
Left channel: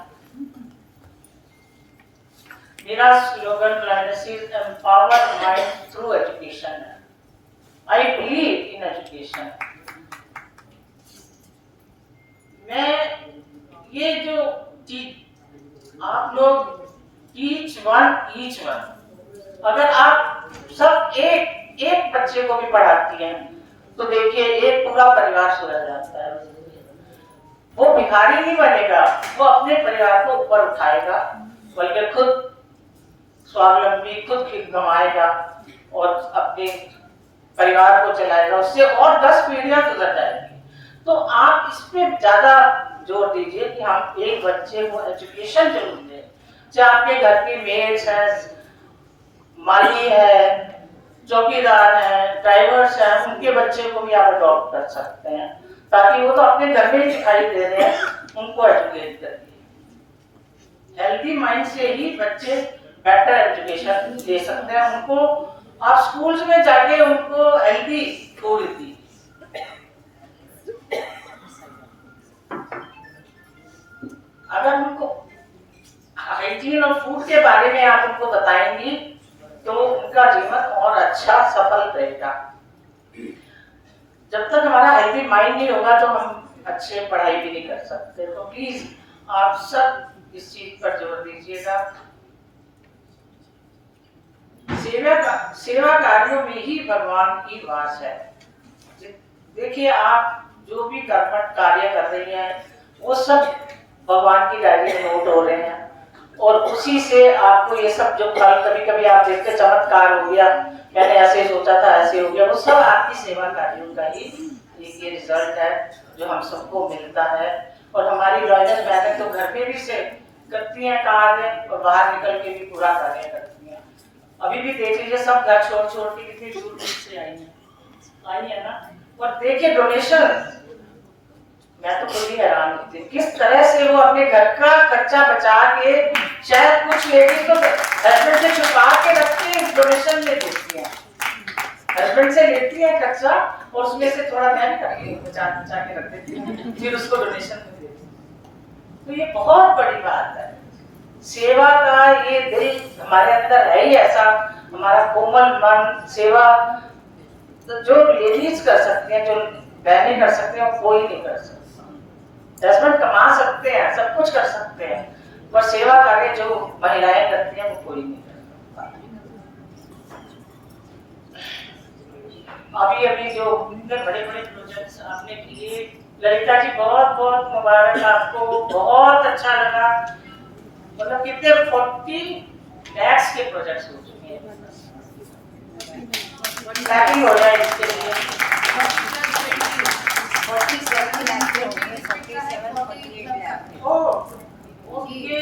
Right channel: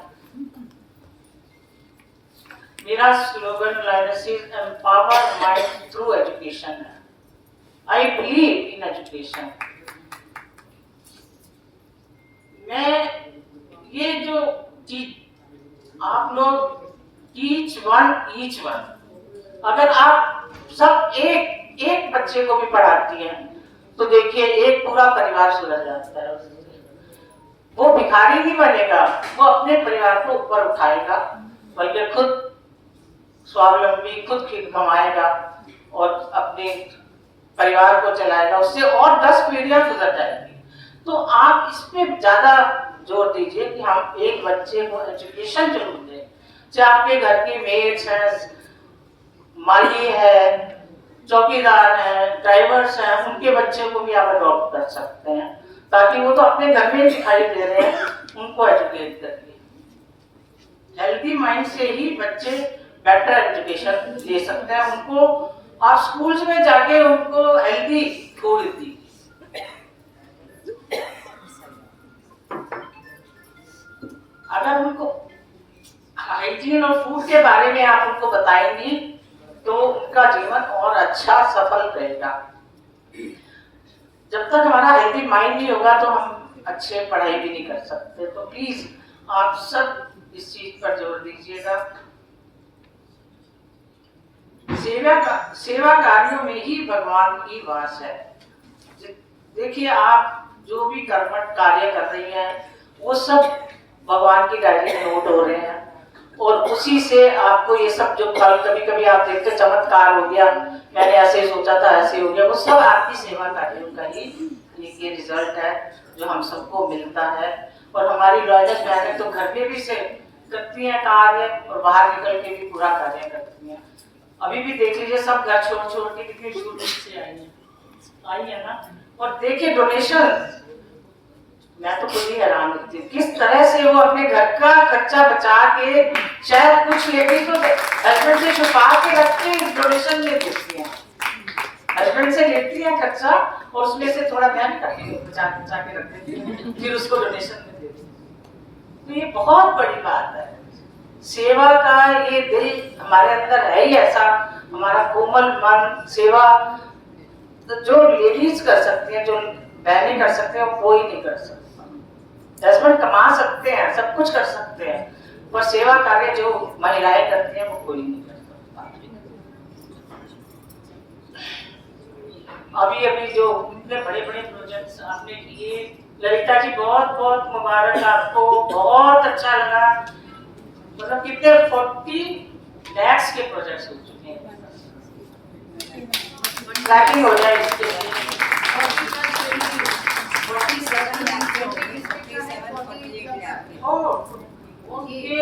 मेरा slogan lioness is empower mind through education है। I believe in education. मैं ये जो आप लोग ईच वन, अगर आप सब एक बच्चे को भी पढ़ाती हैं तो देखिए एक पूरा परिवार सुधर जाता है। वो भिखारी नहीं बनेगा, वो अपने परिवार को ऊपर उठाएगा, बल्कि खुद स्वावलंबी, खुद कमाएगा और अपने परिवार को चलाएगा, उससे और 10 पीढ़ियां गुजर जाएंगी। तो आप इस पे ज्यादा जोर दीजिए कि हम एक बच्चे को एजुकेशन जरूर दें। चाहे आपके घर की मेड्स है, माली है, चौकीदार है, ड्राइवर्स हैं, उनके बच्चे को भी आप अडॉप्ट कर सकते हैं, ताकि वो तो अपने घर में दिखाई दे रहे हैं, उनको एजुकेट करिए। हेल्दी माइंड से ही बच्चे बेटर एजुकेशन ले सकते हैं। उनको आप स्कूल्स में जाके उनको हेल्दी फूड दीजिए। अगर उनको हाइजीन और फूड के बारे में आप उनको बताएंगी तो उनका जीवन और अच्छा सफल रहेगा। जब तक हमारा हेल्दी माइंड नहीं होगा तो हम अच्छे पढ़ाई भी नहीं कर सकते। तो प्लीज आप सब इस चीज पर जोर दीजिएगा। सेवा कार्यों में ही भगवान की वास है। देखिए आप जो भी कर्मठ कार्य कर रही हैं वो सब भगवान की डायरी में नोट हो रहे हैं, और उसी से आपको ये सब जो कल कभी कभी आप देखते चमत्कार हो गया, मैंने ऐसे सोचा था ऐसे हो गया, वो सब आपकी सेवा कार्यों का ही ये रिजल्ट है जो हम सबको मिलता है। और हमारी लॉयर्स बहनें तो घर में भी से करती हैं कार्य और बाहर निकल के भी पूरा कार्य करती हैं। अभी भी देख लीजिए सब घर छोड़ के कितनी दूर से आई है ना। और देखिए डोनेशन, मैं तो खुद ही हैरान होती हूँ किस तरह से वो अपने घर का खर्चा बचा के शायद कुछ लेडीज तो हस्बैंड से छुपा के रखती है, डोनेशन में देती हैं, हस्बैंड से लेती है खर्चा और उसमें से थोड़ा बहन करके बचा के रख देती है, फिर उसको डोनेशन में देती है। तो ये बहुत बड़ी बात है। सेवा का ये दिल हमारे अंदर है ही ऐसा, हमारा कोमल मन। सेवा तो जो लेडीज कर सकते हैं, जो बहनें कर सकते हैं, वो कोई नहीं कर सकता। हस्बैंड कमा सकते हैं, सब कुछ कर सकते हैं, पर सेवा कार्य जो महिलाएं करती हैं वो कोई नहीं कर सकता। अभी जो इतने बड़े बड़े प्रोजेक्ट्स आपने किए, ललिता जी बहुत बहुत मुबारक आपको, बहुत अच्छा लगा। मतलब कितने 40 lakhs के प्रोजेक्ट्स हो चुके हैं। ट्रैकिंग हो जाए इसके लिए 47 लाख हो गए, 47-48 लाख। Okay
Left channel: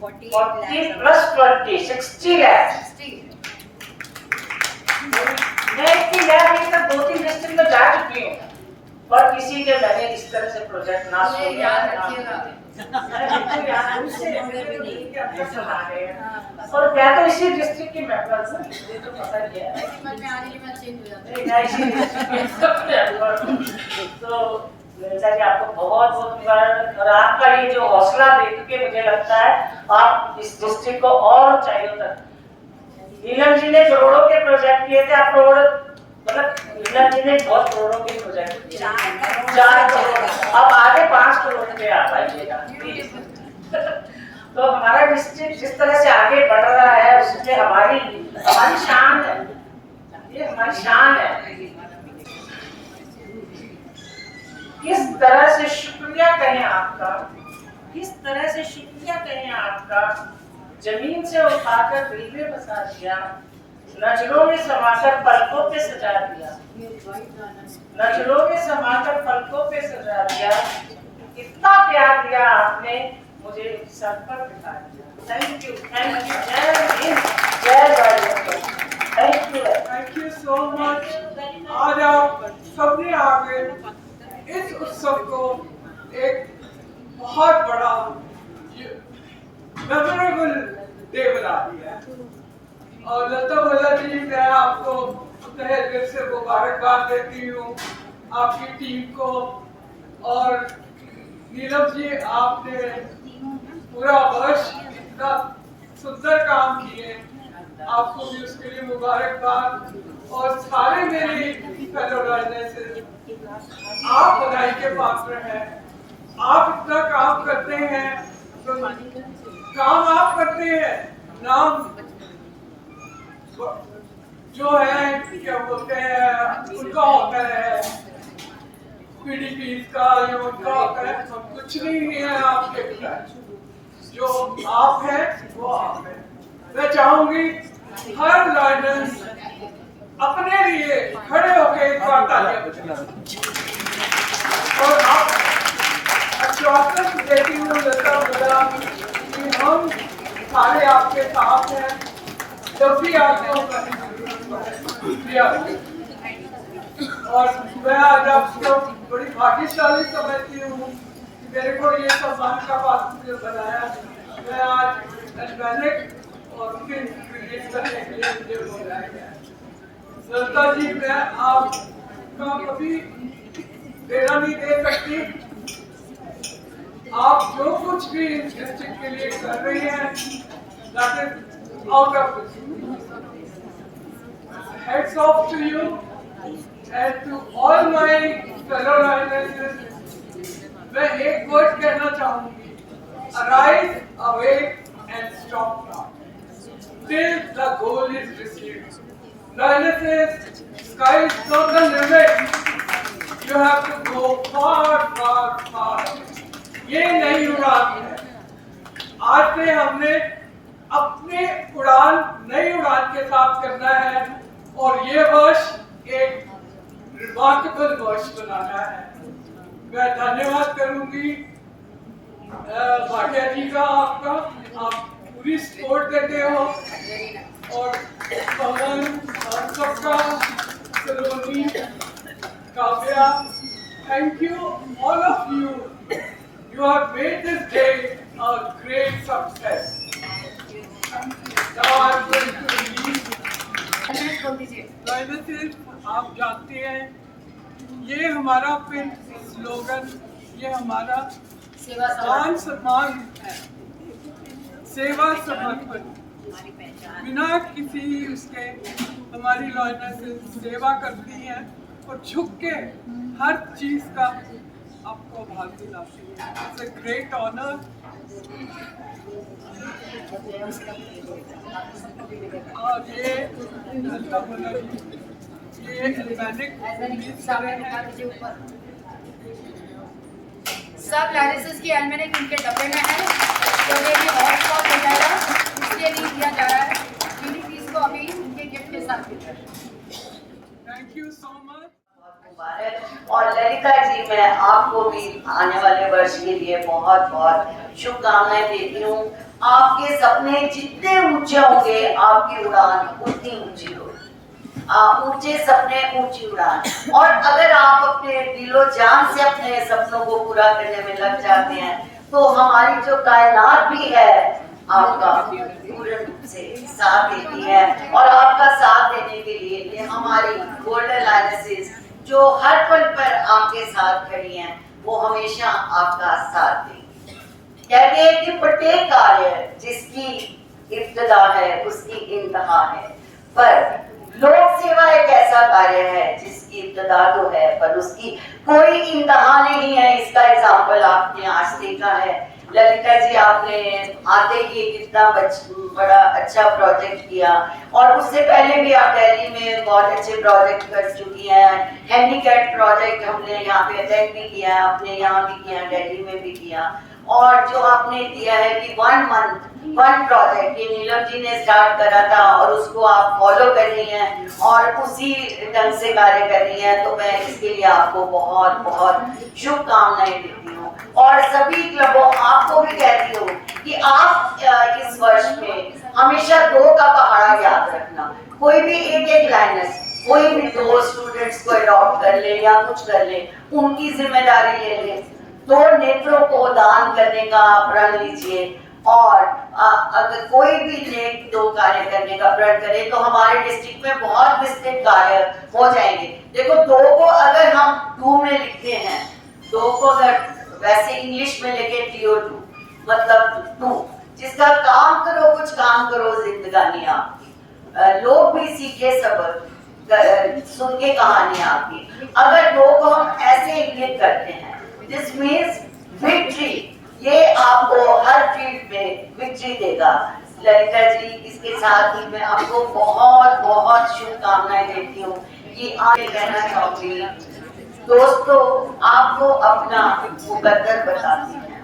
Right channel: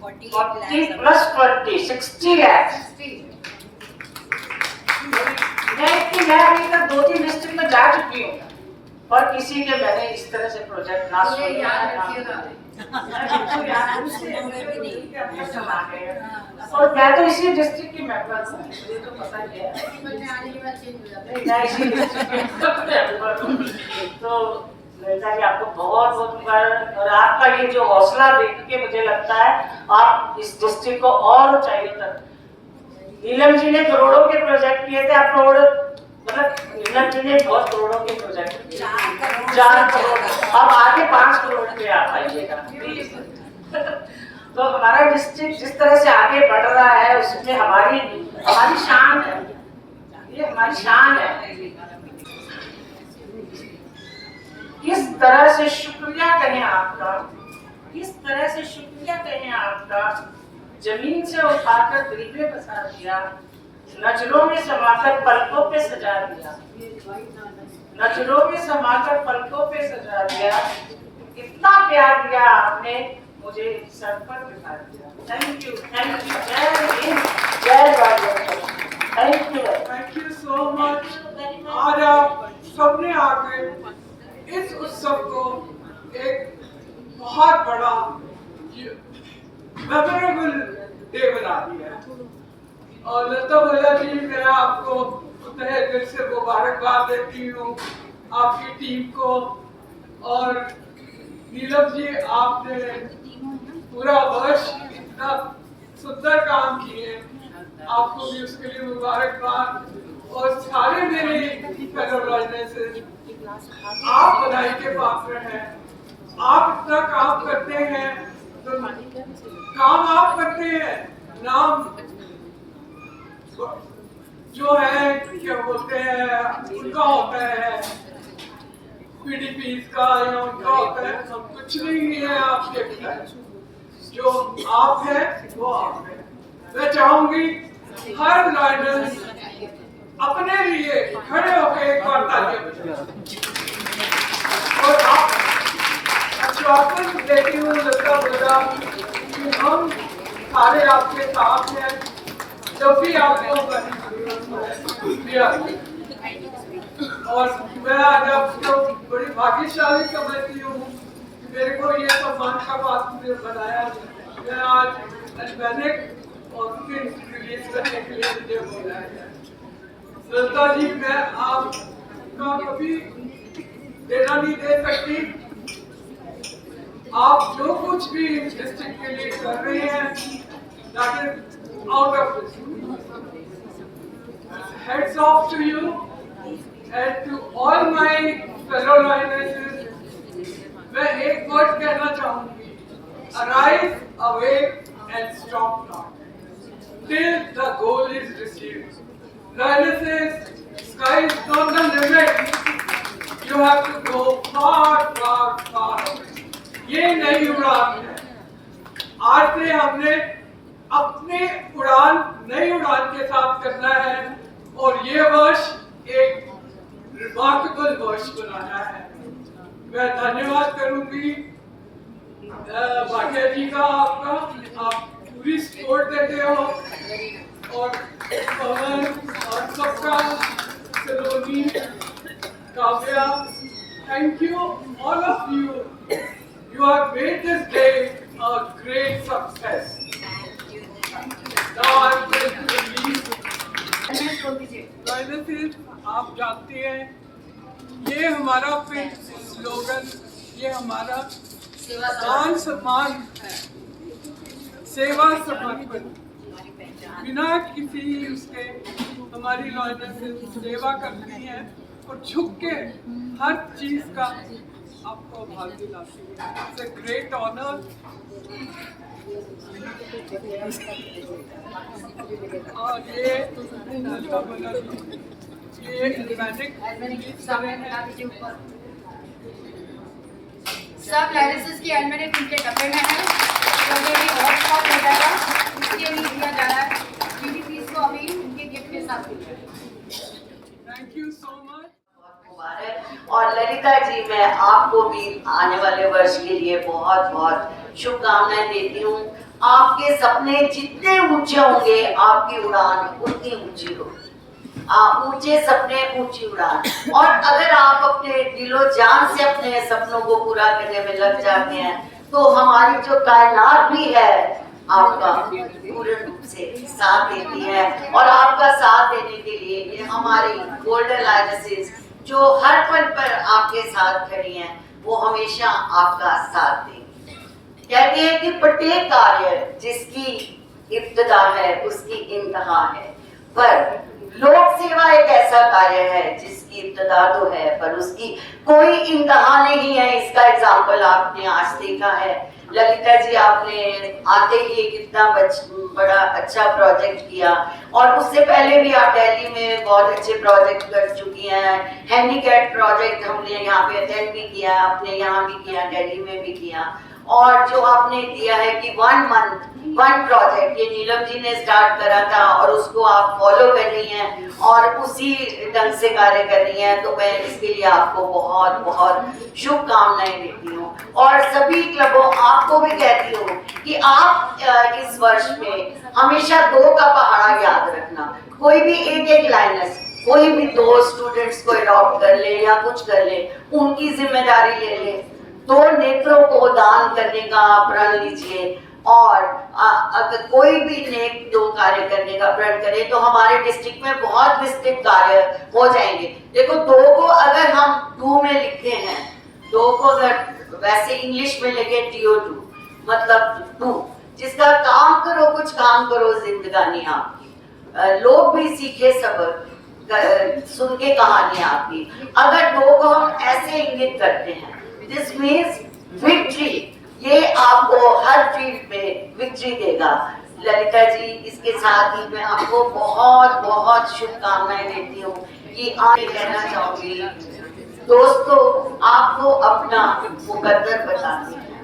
40 plus 20 60 lakh. मैं नहीं तो 2-3 डिस्ट्रिक्ट में जा चुकी हूँ, पर किसी के मैंने इस तरह से प्रोजेक्ट ना सुना। और मैं तो इसी डिस्ट्रिक्ट की मेंबर हूँ, ये तो पता ही है। तो ललिता जी आपको बहुत बहुत मुबारक। और आपका ये जो हौसला देख के मुझे लगता है आप इस डिस्ट्रिक्ट को और ऊंचाइयों तक। नीलम जी ने करोड़ों के प्रोजेक्ट किए थे, आप करोड़ मतलब नीलम जी ने बहुत करोड़ों के प्रोजेक्ट किए, 4 करोड़, अब आगे 5 करोड़ पे आ पाइएगा। तो हमारा डिस्ट्रिक्ट जिस तरह से आगे बढ़ रहा है उसमें हमारी शान है, ये हमारी शान है। किस तरह से शुक्रिया कहें आपका, किस तरह से शुक्रिया कहें आपका। जमीन से उठाकर दिल में बसा दिया, नजरों में समाकर पलकों पे सजा दिया, नजरों में समाकर पलकों पे सजा दिया। इतना प्यार दिया आपने, मुझे सर पर बिठा दिया। Thank you, thank you. जय हिंद, जय Bharat. Thank you so much. आज आप सबने आगे इस उत्सव को एक बहुत बड़ा मेमोरेबल डे बना दिया। और लता भोला जी, मैं आपको तहे दिल से मुबारकबाद देती हूँ, आपकी टीम को। और नीलम जी, आपने पूरा वर्ष इतना सुंदर काम किए, आपको भी उसके लिए मुबारकबाद। और सारे मेरे फेलो लर्नर्स, आप बधाई के पात्र हैं। आप इतना काम करते हैं, तो काम आप करते हैं, नाम जो है क्या बोलते हैं उनका होता है, पीडीपी का या उनका होता है, हम कुछ नहीं है आपके खिलाफ। जो आप है वो आप है। मैं चाहूंगी हर लॉयर्स अपने लिए खड़े होकर एक बार तालियां बजाएं। और आप आश्वासन देती हूँ लता बता कि हम सारे आपके साथ हैं जब भी आपको और मैं आज आपको बड़ी भाग्यशाली समझती हूँ कि मेरे को ये सम्मान का पात्र बनाया। मैं आज अल्बेनिक और उनके रिलीज करने के लिए मुझे बुलाया गया। लता जी, मैं आपका कभी देना नहीं दे सकती। आप जो कुछ भी डिस्ट्रिक्ट के लिए कर रही हैं, that is out of this. Heads off to you and to all my fellow lionesses. मैं एक वर्ड कहना चाहूंगी, arise, awake and stop not till the goal is received. Lionesses, sky is not the limit. You have to go far, far, far. ये नई उड़ान है। आज से हमने अपने उड़ान नई उड़ान के साथ करना है और ये वर्ष एक रिमार्केबल वर्ष बनाना है। मैं धन्यवाद करूंगी भाटिया जी का, आपका, आप पूरी सपोर्ट देते हो और पवन और सबका, Saloni, Kavya, thank you all of you. You have made this day a great success. Now I am going to release. Lionesses, आप जानते हैं ये हमारा फिर स्लोगन, ये हमारा मान सम्मान है, सेवा समर्पण। बिना किसी उसके हमारी लॉयनेसेस सेवा करती हैं और झुक के हर चीज का आपको भाग दिलाती है। It's a great honour. और ये लता भला जी, ये एल्बेनिक रिलीज कर रहे हैं। सब लॉयनेसेस की एल्बेनिक उनके डब्बे में है, तो ये भी और स्पॉट हो जाएगा, इसके लिए दिया जा रहा है। पीडीपी को अभी उनके गिफ्ट के साथ दिया है। Thank you so much. और ललिता जी, मैं आपको भी आने वाले वर्ष के लिए बहुत बहुत शुभकामनाएं देती हूँ। आपके सपने जितने ऊंचे होंगे, आपकी उड़ान उतनी ऊंची होगी। ऊंचे सपने, ऊंची उड़ान। और अगर आप अपने दिलो जान से अपने सपनों को पूरा करने में लग जाते हैं, तो हमारी जो कायनात भी है आपका पूर्ण रूप से साथ देती है। और आपका साथ देने के लिए ये हमारी गोल्डन लायनेसेस जो हर पल पर आपके साथ खड़ी हैं, वो हमेशा आपका साथ देंगी। कहते हैं कि प्रत्येक कार्य जिसकी इब्तिदा है उसकी इंतहा है, पर लोक सेवा एक ऐसा कार्य है जिसकी इब्तिदा तो है पर उसकी कोई इंतहा नहीं है। इसका एग्जाम्पल आपने आज देखा है। ललिता जी, आपने आते ही कितना बड़ा अच्छा प्रोजेक्ट किया और उससे पहले भी आप दिल्ली में बहुत अच्छे प्रोजेक्ट कर चुकी हैं। हैंडीकैप प्रोजेक्ट हमने यहाँ पे अटेंड भी किया है, आपने यहाँ भी किया, दिल्ली में भी किया। और जो आपने दिया है कि 1 मंथ 1 प्रोजेक्ट, ये नीलम जी ने स्टार्ट करा था और उसको आप फॉलो कर रही हैं और उसी ढंग से कार्य कर रही हैं, तो मैं इसके लिए आपको बहुत बहुत शुभकामनाएं देती हूँ। और सभी क्लबों, आपको भी कहती हूँ कि आप इस वर्ष में हमेशा 2 का पहाड़ा याद रखना। कोई भी एक लाइनस, कोई भी 2 स्टूडेंट्स को अडॉप्ट कर ले या कुछ कर ले, उनकी जिम्मेदारी ले ले। 2 नेत्रों को दान करने का प्रण लीजिए और अगर कोई भी नेक 2 कार्य करने का प्रण करे तो हमारे डिस्ट्रिक्ट में बहुत विस्तृत कार्य हो जाएंगे। देखो, 2 को अगर हम 2 में लिखते हैं, 2 को अगर वैसे इंग्लिश में लिखे TO2 मतलब 2, जिसका काम करो, कुछ काम करो जिंदगानी आपकी। लोग भी सीखे सबक सुन के कहानी आपकी। अगर 2 को हम ऐसे इंगित करते हैं, दिस मीन्स विक्ट्री देगा। ललिता जी, इसके साथ ही मैं आपको बहुत बहुत शुभकामनाएं देती हूँ कि आप कहना चाहूंगी दोस्तों, आपको अपना मुकद्दर बताते हैं,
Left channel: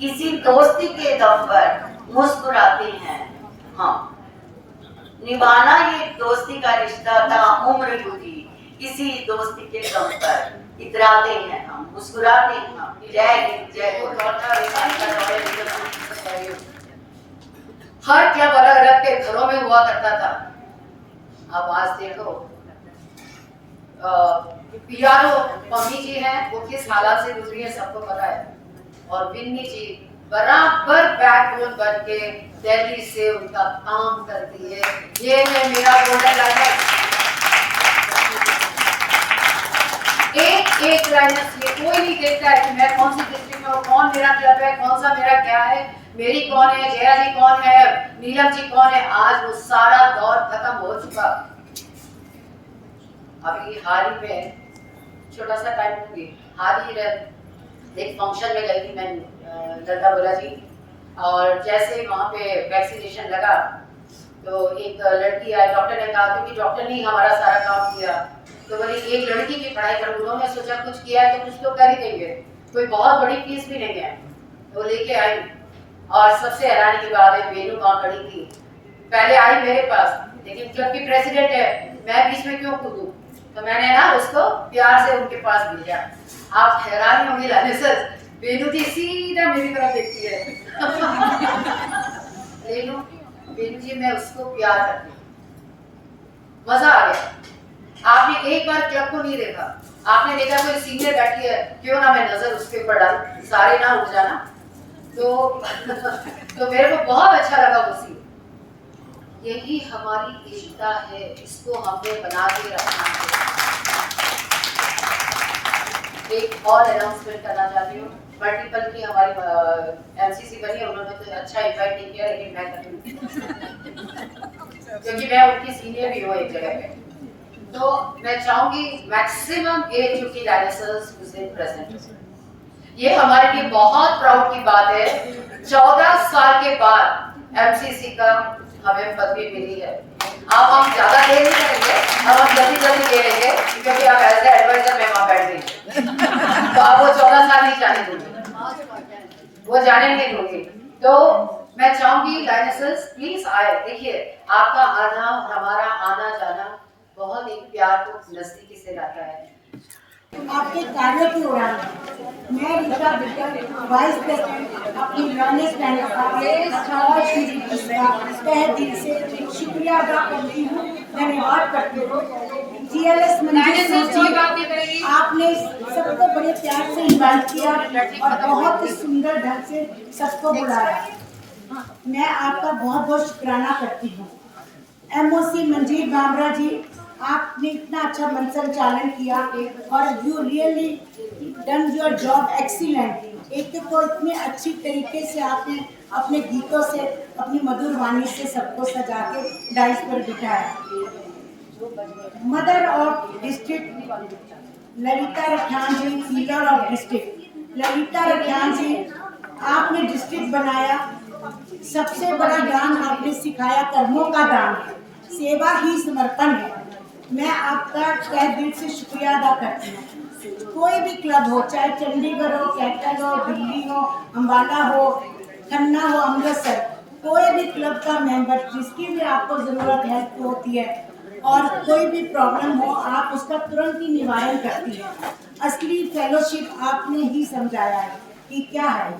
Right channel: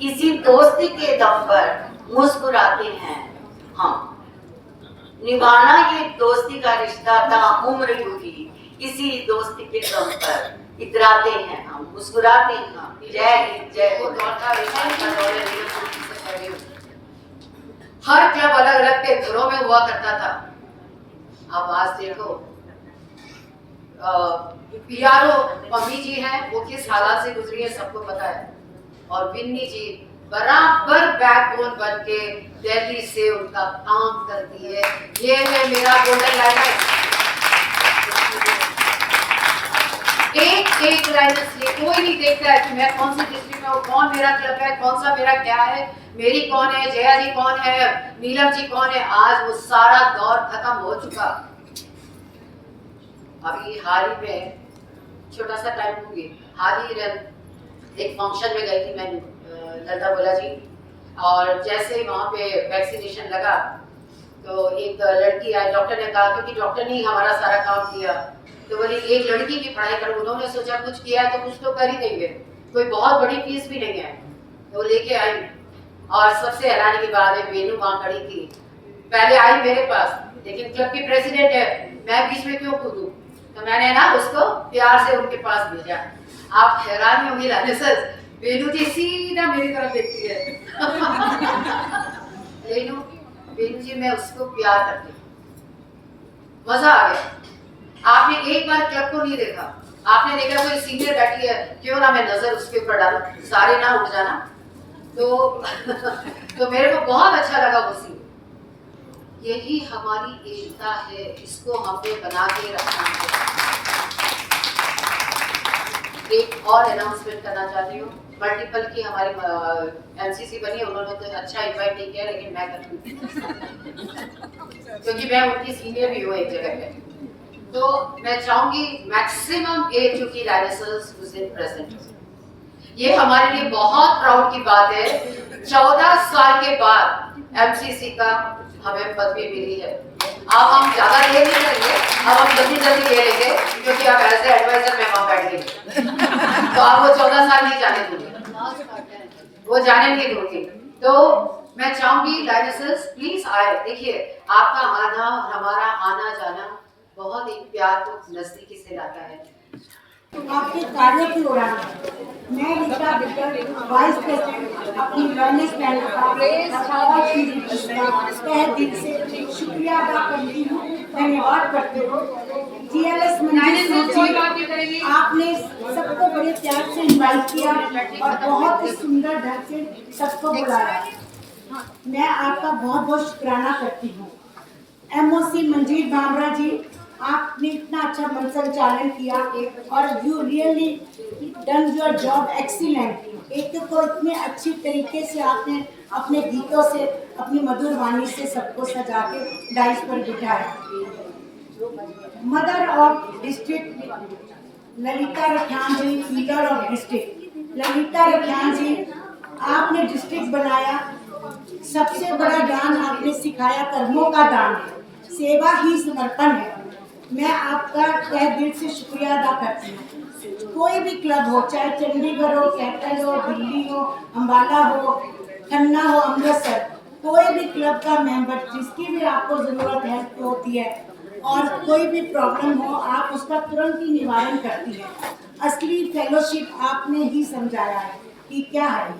किसी दोस्ती के दम पर मुस्कुराते हैं। हाँ, निभाना ये दोस्ती का रिश्ता ताउम्र यूं किसी दोस्ती के दम पर इतराते हैं हम, मुस्कुराते हैं हम। जय हिंद, जय हर क्लब अलग अलग के घरों में हुआ करता था। अब आज देखो पीआरओ मम्मी जी हैं, वो किस हालात से गुजरी है सबको पता है। और विन्नी जी बराबर बैकबोन बन के दिल्ली से उनका काम करती है। ये है मेरा गोल्डन लाइनर। एक लाइनर से कोई नहीं देखता है कि मैं कौन सी डिस्ट्रिक्ट में हूँ, कौन मेरा क्लब है, कौन सा मेरा क्या है, मेरी कौन है, जया जी कौन है, नीलम जी कौन है। आज वो सारा दौर खत्म हो चुका। अभी हाल ही में छोटा सा टाइम दूंगी, हाल ही एक फंक्शन में गई थी मैं, लता बोला जी, और जैसे वहाँ पे वैक्सीनेशन लगा तो एक लड़की आई, डॉक्टर ने कहा, क्योंकि डॉक्टर ने हमारा सारा काम किया, तो बोली एक लड़की की पढ़ाई करो। उन्होंने सोचा कुछ किया है तो कुछ तो कर ही देंगे, कोई बहुत बड़ी फीस भी नहीं है, तो लेके आई। और सबसे हैरानी की बात है, वेनू वहाँ खड़ी थी, पहले आई मेरे पास, लेकिन क्लब की प्रेसिडेंट है, मैं बीच में क्यों कूदूं, तो मैंने ना उसको प्यार से उनके पास भेजा। आप हैरान होंगे लाने सर, वेनू जी सीधा मेरी तरफ देखती है। वेनू जी, मैं उसको प्यार करती हूँ। मजा आ गया। आपने एक बार क्लब को नहीं देखा, आपने देखा कोई सीनियर बैठी है, क्यों ना मैं नजर उसके ऊपर डालूं, सारे ना उठ जाना। तो मेरे को बहुत अच्छा लगा वो सीन। यही हमारी एकता है, इसको हमें बना के रखना है। एक और अनाउंसमेंट करना चाहती हूँ, मल्टीपल की हमारी एमसीसी बनी है, उन्होंने तो अच्छा इनवाइट नहीं किया, लेकिन मैं करूँगी क्योंकि मैं उनकी सीनियर भी हूँ एक जगह पे। तो मैं चाहूंगी मैक्सिमम 8 यूटी डायनासोर्स विज इन प्रेजेंट। ये हमारे लिए बहुत प्राउड की बात है। 14 साल के बाद एमसीसी का हमें पदवी मिली है। अब हम ज्यादा देर नहीं करेंगे, अब हम जल्दी जल्दी ले लेंगे, क्योंकि आप ऐसे एडवाइजर में वहां बैठ गए तो आप वो 14 साल नहीं जाने दूंगे, वो जाने नहीं दूंगी। तो मैं चाहूंगी डायनासोर्स प्लीज आए। देखिए, आपका आना और हमारा आना जाना बहुत एक प्यार को नजदीकी से लाता है। आपके कार्यों की उड़ान मैं रीता बिट्टर, वाइस प्रेसिडेंट, अपनी लर्निंग पैनल का और पीडीपी का तहे दिल से शुक्रिया अदा करती हूँ, धन्यवाद करती हूँ। जीएलएस मंजीत जी, आपने सबको बड़े प्यार से इनवाइट किया और बहुत ही सुंदर ढंग से सबको बुलाया। मैं आपका बहुत बहुत शुक्राना करती हूँ। एमओसी मंजीत बामरा जी, आपने इतना अच्छा मन संचालन किया और you really done your job excellent. एक तो इतने अच्छी तरीके से आपने अपने गीतों से, अपनी मधुर वाणी से सबको सजा के डाइस पर बिठाया। Mother of district Lalita Rakhiyan ji, leader of district Lalita Rakhiyan ji, आपने डिस्ट्रिक्ट बनाया। सबसे बड़ा दान आपने सिखाया कर्मों का दान है, सेवा ही समर्पण है। मैं आपका तहे दिल से शुक्रिया अदा करती हूँ। कोई भी क्लब हो, चाहे चंडीगढ़ हो, कैटल हो, दिल्ली हो, अम्बाला हो, खन्ना हो, अमृतसर, कोई भी क्लब का मेंबर जिसकी भी आपको ज़रूरत हेल्प होती है और कोई भी प्रॉब्लम हो, आप उसका तुरंत ही निवारण करती है। असली फेलोशिप आपने ही समझाया है कि क्या है।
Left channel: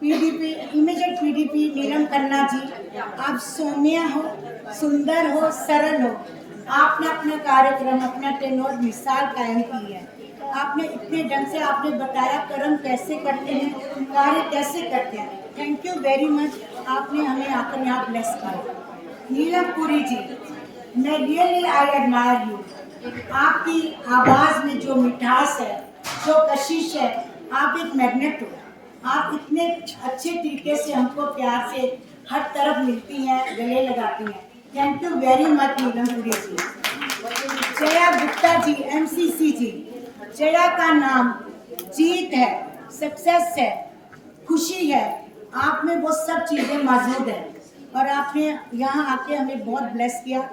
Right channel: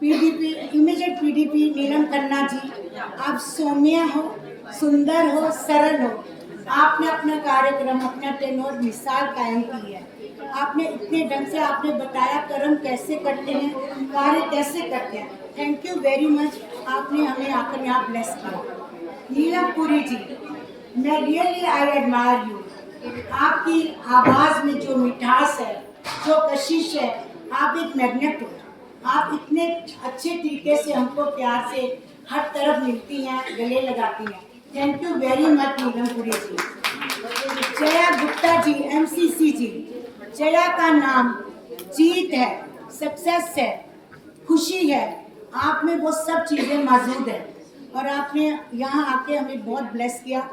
पीडीपी, इमीडिएट पीडीपी नीलम खन्ना जी, आप सौम्य हो, सुंदर हो, सरल हो। आपने अपना कार्यक्रम, अपना टेनोर मिसाल कायम की है। आपने इतने ढंग से आपने बताया कर्म कैसे करते हैं, कार्य कैसे करते हैं। थैंक यू वेरी मच, आपने हमें आकर यहाँ ब्लेस किया। नीलम पुरी जी, मैं रियली आई एडमायर यू। आपकी आवाज़ में जो मिठास है, जो कशिश है, आप एक मैग्नेट हो। आप इतने अच्छे तरीके से हमको प्यार से हर तरफ मिलती हैं, गले लगाती हैं। Thank you very much Neelam Puri ji. Jaya Gupta ji, MCC ji, Jaya का नाम जीत है, सक्सेस है, खुशी है। आप में वो सब चीज़ें मौजूद हैं और आपने यहाँ आके हमें बहुत ब्लेस किया।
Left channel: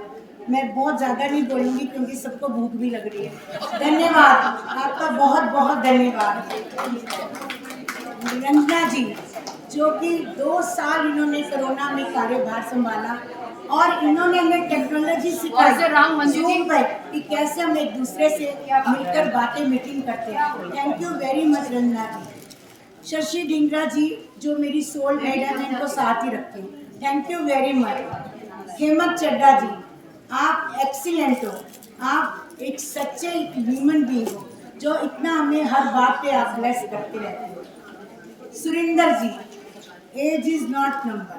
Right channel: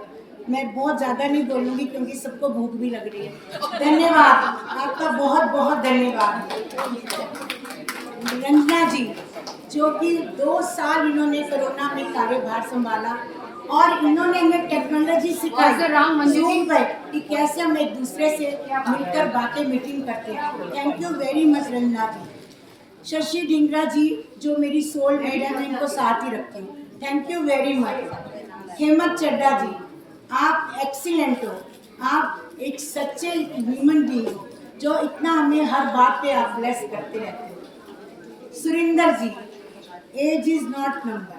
मैं बहुत ज़्यादा नहीं बोलूँगी क्योंकि सबको भूख भी लग रही है। धन्यवाद, आपका बहुत बहुत धन्यवाद। रंजना जी, जो कि 2 साल इन्होंने कोरोना में कार्यभार संभाला और इन्होंने हमें टेक्नोलॉजी सिखाई Zoom पे कि कैसे हम एक दूसरे से मिलकर बातें मीटिंग करते हैं। Thank you very much Ranjana ji. Shashi Dhingra ji, जो मेरी सोल मेड है, मैं इनको साथ ही रखती हूँ। Thank you very much. Hemant Chadda ji, आप एक्सीलेंट हो, आप एक सच्चे ह्यूमन बीइंग हो जो इतना हमें हर बात पे आप ब्लेस करते रहते हो। सुरिंदर जी, एज इज नॉट नंबर,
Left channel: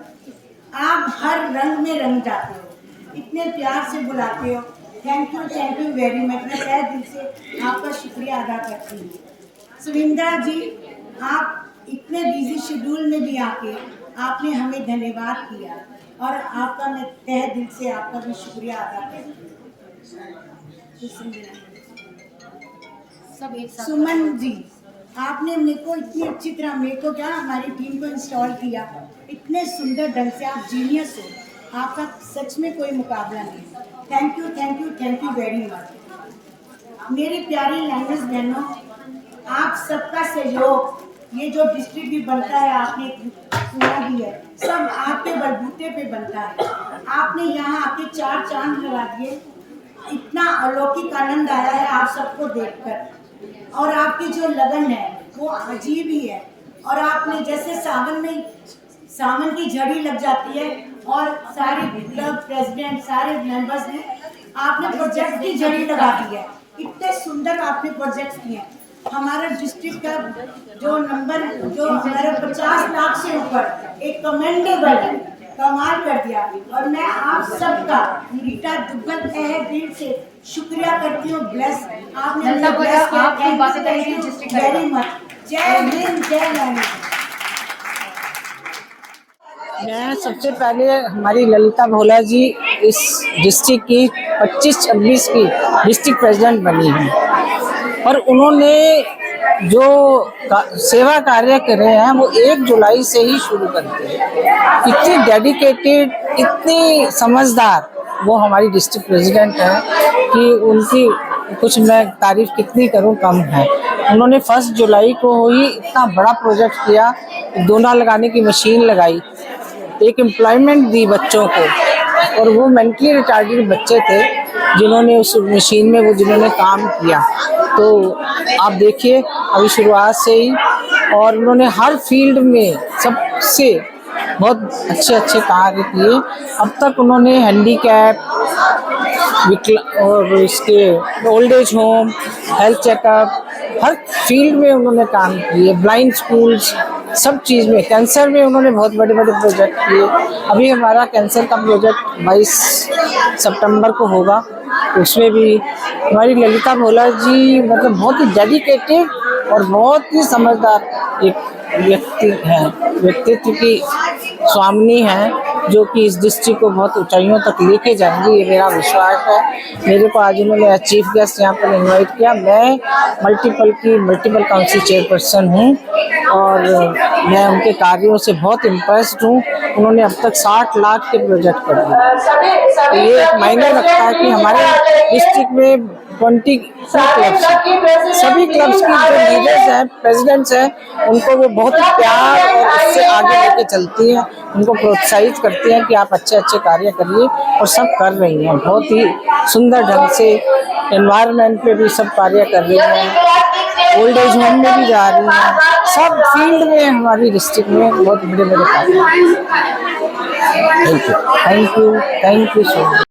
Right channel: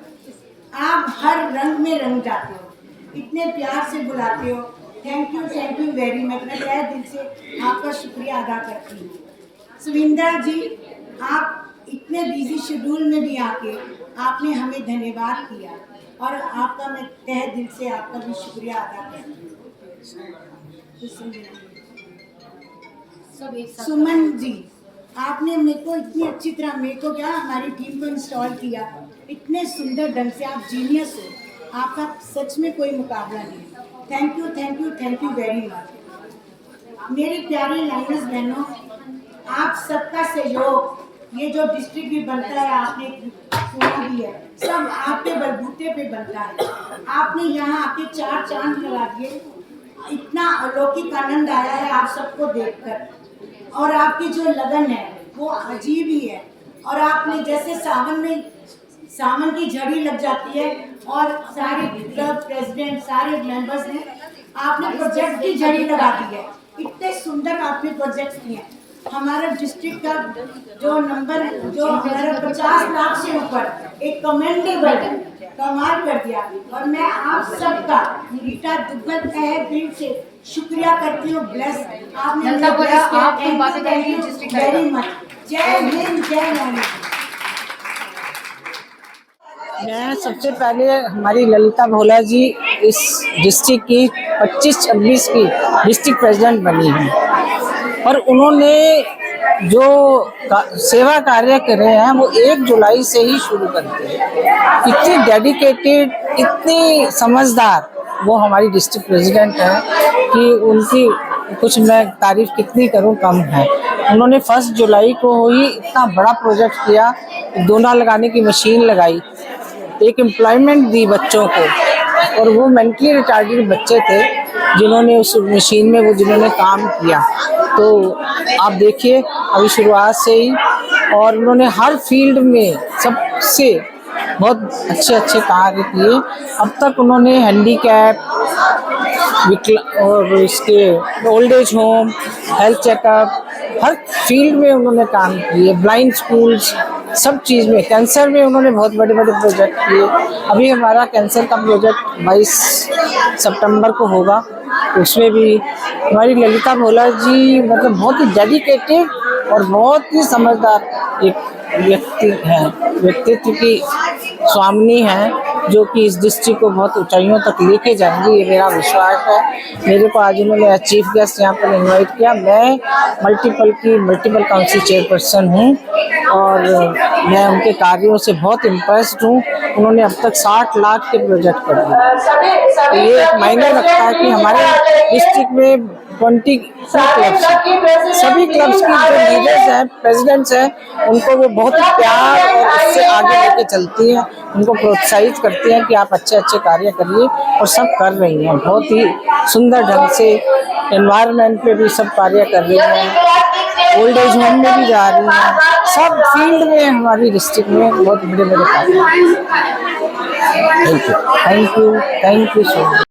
आप हर रंग में रंग जाते हो, इतने प्यार से बुलाते हो। Thank you very much. मैं तहे दिल से आपका शुक्रिया अदा करती हूँ। सुविंदर जी, आप इतने बिजी शेड्यूल में भी आके आपने हमें धन्यवाद किया और आपका मैं तहे दिल से आपका भी शुक्रिया अदा करती हूँ। सुमन जी, आपने मेरे को इतनी अच्छी तरह क्या हमारी टीम को इंस्टॉल किया, इतने सुंदर ढंग से। आप जीनियस हो, आपका सच में कोई मुकाबला नहीं। Thank you very much. मेरी प्यारी लाइनर्स बहनों, आप सबका सहयोग, ये जो डिस्ट्रिक्ट भी बनता है, आपने सुना भी है, सब आपके बलबूते पे बनता है। आपने यहाँ आके 4 चांद लगा दिए, इतना अलौकिक आनंद आया है आप सबको देखकर और आपकी जो लगन है वो अजीब ही है। और आपने जैसे सावन की झड़ी लग जाती है और सारे क्लब प्रेसिडेंट, सारे मेंबर्स ने आपने प्रोजेक्ट की झड़ी लगा दी है। इतने सुंदर आपने प्रोजेक्ट्स किए हैं। हमारा डिस्ट्रिक्ट का जो हमारा 50 लाख से ऊपर एक कमेंडेबल है, कमाल कर दिया। और मैं आप सबका रीटा दुग्गल तहे दिल से शुक्रिया करती हूँ। ब्लेस, आपने हमें ब्लेस किया। Thank you very much. जय हिंद, जय हिंद। मैं सबसे पहले हमारी ललिता भोला जी इस डिस्ट्रिक्ट की 25-26 की डिस्ट्रिक्ट प्रेसिडेंट बनी हैं और उन्होंने जो सेवा कार्य करे हैं वो 1 जुलाई से ही शुरू करते हैं। इतनी डेडिकेटेड, इतनी समझदार वो हमारी डिस्ट्रिक्ट प्रेसिडेंट है कि उनकी कुछ मैं तारीफ कितनी करूं कम है। उन्होंने 1 जुलाई को ही इतना बड़ा प्रोजेक्ट किया, दोना लगाने की मशीन लगाई, एक एम्प्लॉयमेंट दी बच्चों को, और वो मेंटली रिटार्डेड बच्चे थे जिन्होंने उस मशीन में जिन्होंने काम किया। तो आप देखिए अभी शुरुआत से ही, और उन्होंने हर फील्ड में सबसे बहुत अच्छे कार्य किए। अब तक उन्होंने हैंडीकैप और इसके old age home, health checkup, हर फील्ड में उन्होंने काम किए। ब्लाइंड स्कूल्स, सब चीज़ में, कैंसर में उन्होंने बहुत बड़े प्रोजेक्ट किए। अभी हमारा कैंसर का प्रोजेक्ट 22 सितंबर को होगा, उसमें भी हमारी ललिता भोला जी मतलब बहुत ही डेडिकेटेड और बहुत ही समझदार एक व्यक्तित्व की स्वामिनी हैं, जो कि इस डिस्ट्रिक्ट को बहुत ऊंचाइयों तक लेके जाएंगी, ये मेरा विश्वास है। मेरे को आज उन्होंने चीफ गेस्ट यहाँ पर इनवाइट किया। मैं मल्टीपल काउंसिल चेयरपर्सन हूँ और मैं उनके कार्यों से बहुत इम्प्रेस्ड हूँ। उन्होंने अब तक 60 लाख के प्रोजेक्ट कर दिए। ये एक मायने रखता है कि हमारे डिस्ट्रिक्ट में 20 क्लब्स, सभी क्लब्स की जो लीडर्स हैं, प्रेसिडेंट्स हैं, उनको वो बहुत प्यार और उससे आगे लेके चलती हैं, उनको प्रोत्साहित करती हैं कि आप अच्छे कार्य करिए, और सब कर रही हैं बहुत ही सुंदर ढंग से। एनवायरनमेंट पे भी सब कार्य कर रही हैं, ओल्ड एज होम में भी जा रही हैं, सब फील्ड में हमारी डिस्ट्रिक्ट में बहुत बड़े कार्य। Thank you so much.